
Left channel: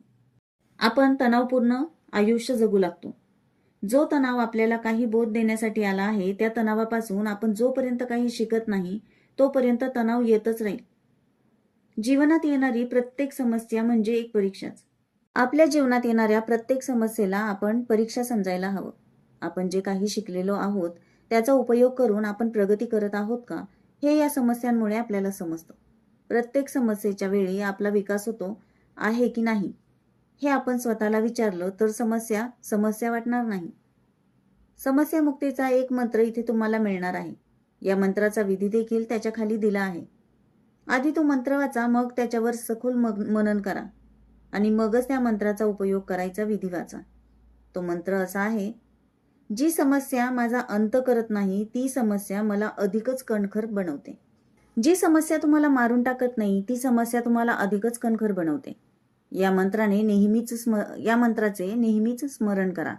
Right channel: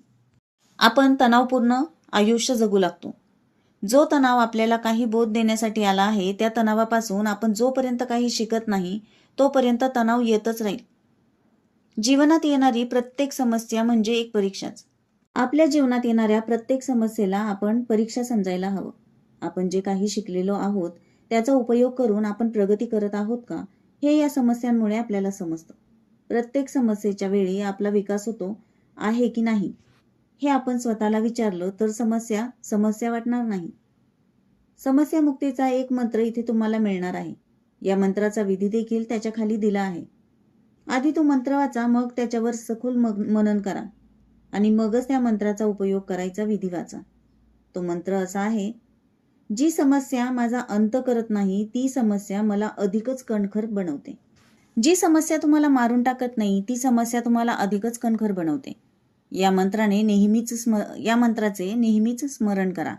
आपण तणावपूर्ण आयुष्य जगू लागतो. जो तणाव आपल्याला काही बोध देण्यासाठी आला आहे, त्या तणावापासून आपण जोपर्यंत काही शिकत नाही तोपर्यंत तणाव येतच राहील. जीवनात येणारी प्रत्येक समस्या म्हणजे एक परीक्षाच. आपल्या जीवनात येणाऱ्या प्रत्येक समस्येला आपण परीक्षा समजायला हवं. आपण जे काही शिकलेलो आहोत त्याचा उपयोग करून आपण प्रगती करत आहोत का, हे या समस्यांमुळे आपल्याला समजतं. प्रत्येक समस्येच्या वेळी आपला विकास होतो आहे की नाही हे आपण स्वतःला विचारलं तर समस्या वाटणार नाही. समस्यामुक्तीचा एक मंत्र इथे तुम्हाला मिळणार आहे. या मंत्राचा विधी देखील त्याच्या खाली दिला आहे. आधी तो मंत्र वाचा, मग त्याच्यावर सखोल मनन करा आणि मगच त्या मंत्राचा उपयोग करायचा विधी वाचा. तो मंत्र असा आहे: जी समस्या माझा अंत करत नाही, ती समस्या मला अधिकच कणखर बनवते. जी समस्या तुम्हाला मारून टाकत नाही, ती समस्या तुम्हाला अधिकच कणखर बनवते. या मंत्राचे नेहमीच स्मरण करा.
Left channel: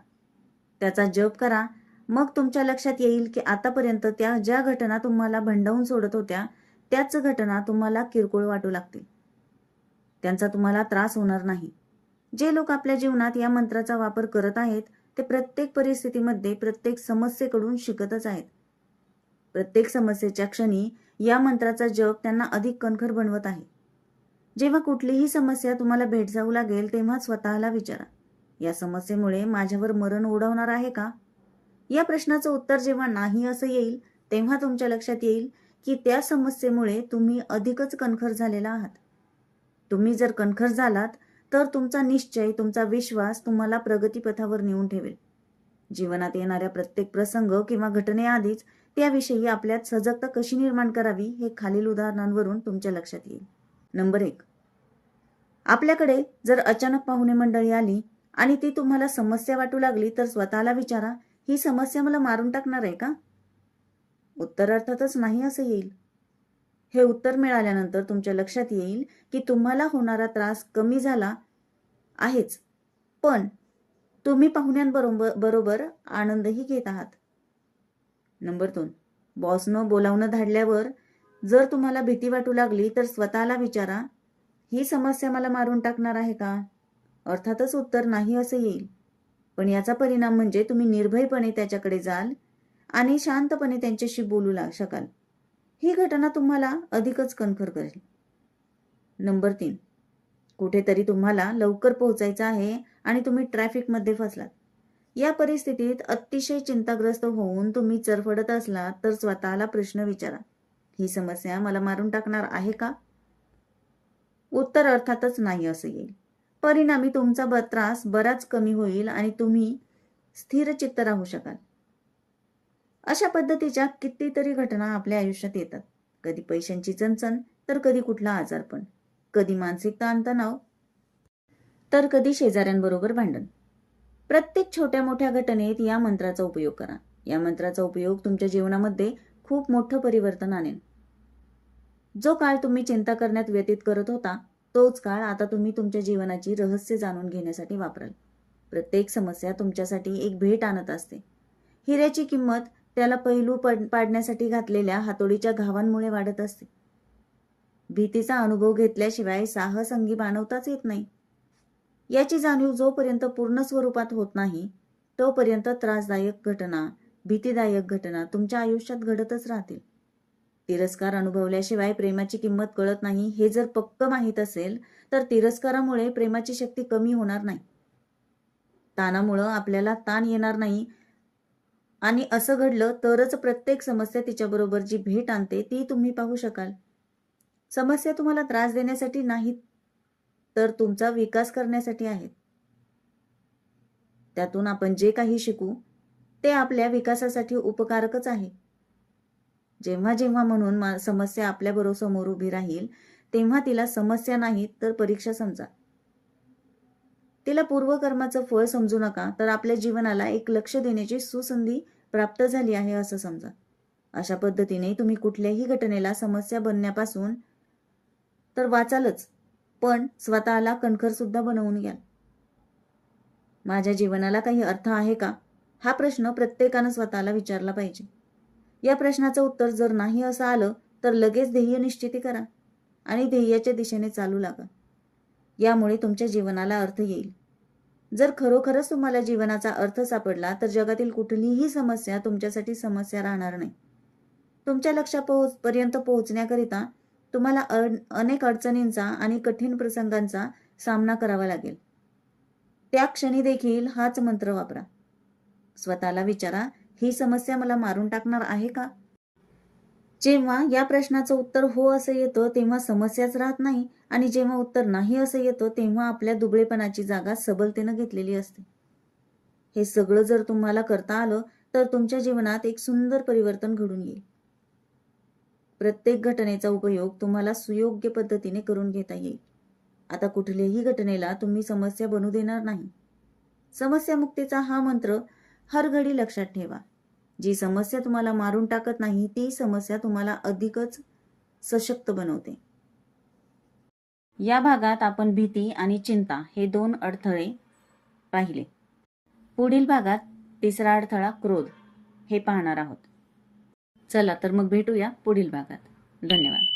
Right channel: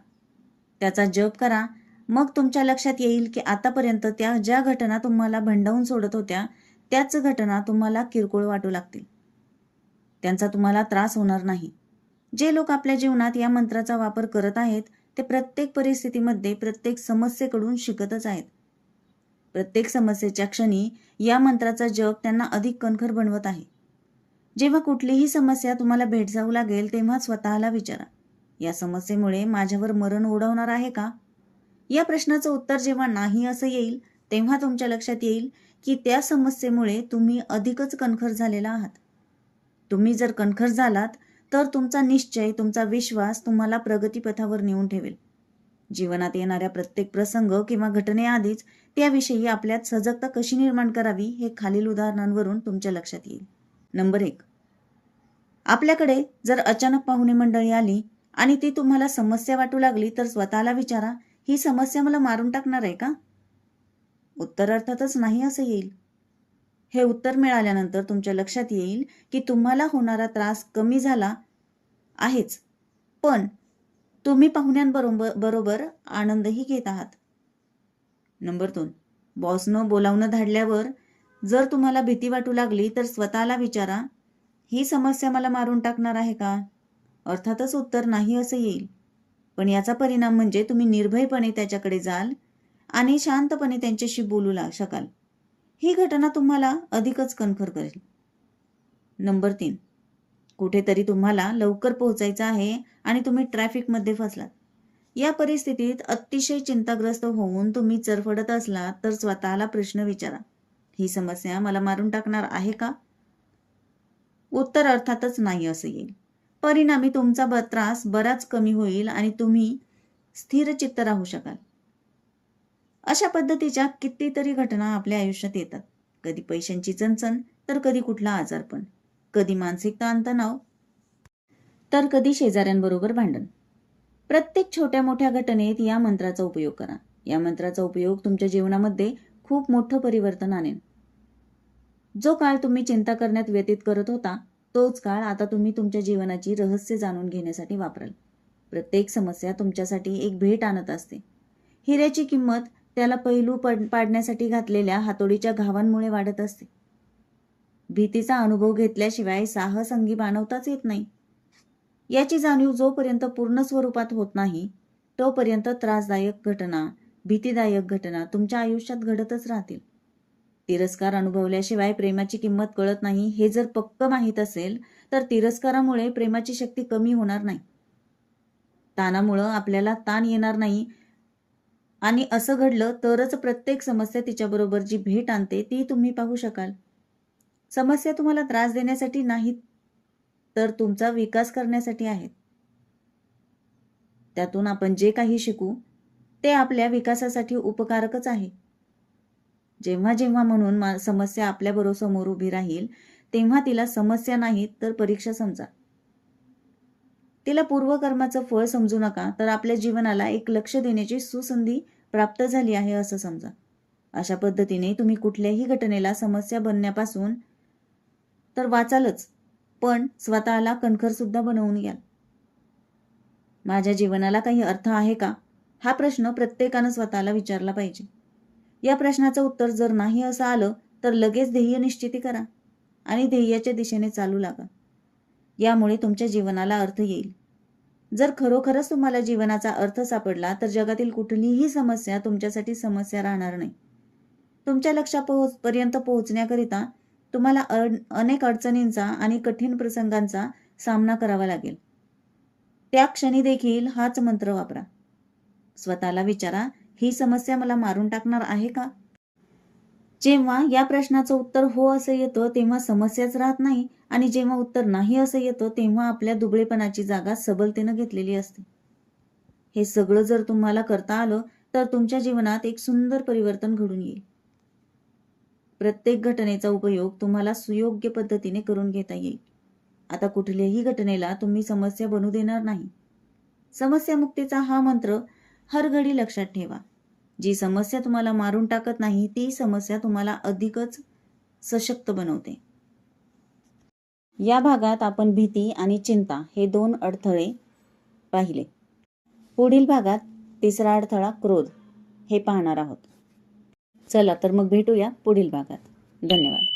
त्याचा जप करा. मग तुमच्या लक्षात येईल की आतापर्यंत ज्या घटना तुम्हाला भंडावून सोडत होत्या, त्याच घटना तुम्हाला किरकोळ वाटू लागतील. त्यांचा तुम्हाला त्रास होणार नाही. जे लोक आपल्या जीवनात या मंत्राचा वापर करत आहेत ते प्रत्येक परिस्थितीमध्ये प्रत्येक समस्येकडून शिकतच आहेत. प्रत्येक समस्येच्या क्षणी या मंत्राचा जप त्यांना अधिक कणखर बनवत आहे. जेव्हा कुठलीही समस्या तुम्हाला भेडसावू लागेल तेव्हा स्वतःला विचारा, या समस्येमुळे माझ्यावर मरण ओढवणार आहे का? या प्रश्नाचं उत्तर जेव्हा नाही असं येईल तेव्हा तुमच्या लक्षात येईल की त्या समस्येमुळे तुम्ही अधिकच कणखर झालेला आहात. तुम्ही जर कणखर झालात तर तुमचा निश्चय, तुमचा विश्वास तुम्हाला प्रगतीपथावर नेऊन ठेवेल. जीवनात येणाऱ्या प्रत्येक प्रसंग किंवा घटनेआधीच त्याविषयी आपल्यात सजगता कशी निर्माण करावी हे खालील उदाहरणांवरून तुमच्या लक्षात येईल. नंबर 1. आपल्याकडे जर अचानक पाहुणे मंडळी आली आणि ती तुम्हाला समस्या वाटू लागली तर स्वतःला विचारा, ही समस्या मला मारून टाकणार आहे का? उत्तर अर्थातच नाही असं येईल. हे उत्तर मिळाल्यानंतर तुमच्या लक्षात येईल की तुम्हाला होणारा त्रास कमी झाला आहेच, पण तुम्ही पाहुण्यांबरोबर आनंदही घेत आहात. नंबर 2. बॉसनं बोलावणं धाडल्यावर जर तुम्हाला भीती वाटू लागली तर स्वतःला विचारा, ही समस्या मला मारून टाकणार आहे का? अर्थातच उत्तर नाही असं येईल, पण याचा परिणाम म्हणजे तुम्ही निर्भयपणे त्याच्याकडे जाल आणि शांतपणे त्यांच्याशी बोलू शकाल. ही घटना तुम्हाला अधिकच कणखर करेल. नंबर 3. कुठेतरी तुम्हाला लवकर पोहोचायचं आहे आणि तुम्ही ट्रॅफिकमध्ये फसलात. या परिस्थितीत अतिशय चिंताग्रस्त होऊन तुम्ही चरफडत असलात तर स्वतःला प्रश्न विचारा, ही समस्या मला मारून टाकणार आहे का? उत्तर अर्थातच नाही असं येईल. परिणामी तुमचा त्रास बराच कमी होईल आणि तुम्ही स्थिरचित्त राहू शकाल. अशा पद्धतीच्या कितीतरी घटना आपल्या आयुष्यात येतात. कधी पैशांची चणचण, तर कधी कुठला आजारपण, कधी मानसिक ताणतणाव, तर कधी शेजाऱ्यांबरोबर भांडण. प्रत्येक छोट्या मोठ्या घटनेत या मंत्राचा उपयोग करा. या मंत्राचा उपयोग तुमच्या जीवनामध्ये खूप मोठं परिवर्तन आणेल. जो काळ तुम्ही चिंता करण्यात व्यतीत करत होता, तोच काळ आता तुम्ही तुमच्या जीवनाची रहस्य जाणून घेण्यासाठी वापराल. प्रत्येक समस्या तुमच्यासाठी एक भेट आणत असते. हिऱ्याची किंमत त्याला पैलू पाडण्यासाठी घातलेल्या हातोडीच्या घावांमुळे वाढत असते. भीतीचा अनुभव घेतल्याशिवाय साहस अंगी बाणवताच येत नाही. याची जाणीव जोपर्यंत पूर्ण स्वरूपात होत नाही, तोपर्यंत त्रासदायक घटना, भीतीदायक घटना तुमच्या आयुष्यात घडतच राहतील. तिरस्कार अनुभवल्याशिवाय प्रेमाची किंमत कळत नाही हे जर पक्क माहीत असेल, तर तिरस्कारामुळे प्रेमाची शक्ती कमी होणार नाही. ताणामुळं आपल्याला ताण येणार नाही आणि असं घडलं तरच प्रत्येक समस्या तिच्याबरोबर जी भेट आणते ती तुम्ही पाहू शकाल. समस्या तुम्हाला त्रास देण्यासाठी नाहीत, तर तुमचा विकास करण्यासाठी आहेत. त्यातून आपण जे काही शिकू ते आपल्या विकासासाठी उपकारकच आहे. जेव्हा जेव्हा म्हणून समस्या आपल्याबरोबर समोर उभी राहील, तेव्हा तिला समस्या नाहीत तर परीक्षा समजा. तिला पूर्वकर्माचं फळ समजू नका, तर आपल्या जीवनाला एक लक्ष देण्याची सुसंधी प्राप्त झाली आहे असं समजा. अशा पद्धतीने तुम्ही कुठल्याही घटनेला समस्या बनण्यापासून तर वाचालच, पण स्वतःला कणखर सुद्धा बनवून घ्याल. माझ्या जीवनाला काही अर्थ आहे का? हा प्रश्न प्रत्येकानं स्वतःला विचारला पाहिजे. या प्रश्नाचं उत्तर जर नाही असं आलं, तर लगेच ध्येय निश्चिती करा आणि ध्येयाच्या दिशेने चालू लागा. यामुळे तुमच्या जीवनाला अर्थ येईल. जर खरोखरच तुम्हाला जीवनाचा अर्थ सापडला, तर जगातील कुठलीही समस्या तुमच्यासाठी समस्या राहणार नाही. तुमच्या लक्ष्यापर्यंत पोहोचण्याकरिता तुम्हाला अनेक अडचणींचा आणि कठीण प्रसंगांचा सामना करावा लागेल. त्या क्षणी देखील हाच मंत्र वापरा. स्वतःला विचारा, ही समस्या मला मारून टाकणार आहे का? जेव्हा या प्रश्नाचं उत्तर हो असं येतं, तेव्हा समस्याच राहत नाही आणि जेव्हा उत्तर नाही असं येतं, तेव्हा आपल्या दुबळेपणाची जागा सबलतेनं घेतलेली असते. हे सगळं जर तुम्हाला करता आलं, तर तुमच्या जीवनात एक सुंदर परिवर्तन घडून येईल. प्रत्येक घटनेचा उपयोग तुम्हाला सुयोग्य पद्धतीने करून घेता येईल. आता कुठल्याही घटनेला तुम्ही समस्या बनू देणार नाही. समस्यामुक्तीचा हा मंत्र हर घडी लक्षात ठेवा. जी समस्या तुम्हाला मारून टाकत नाही, ती समस्या तुम्हाला अधिकच सशक्त बनवते. या भागात आपण भीती आणि चिंता हे 2 अडथळे पाहिले. पुढील भागात तिसरा अडथळा क्रोध हे पाहणार आहोत. चला तर मग भेटूया पुढील भागात. धन्यवाद.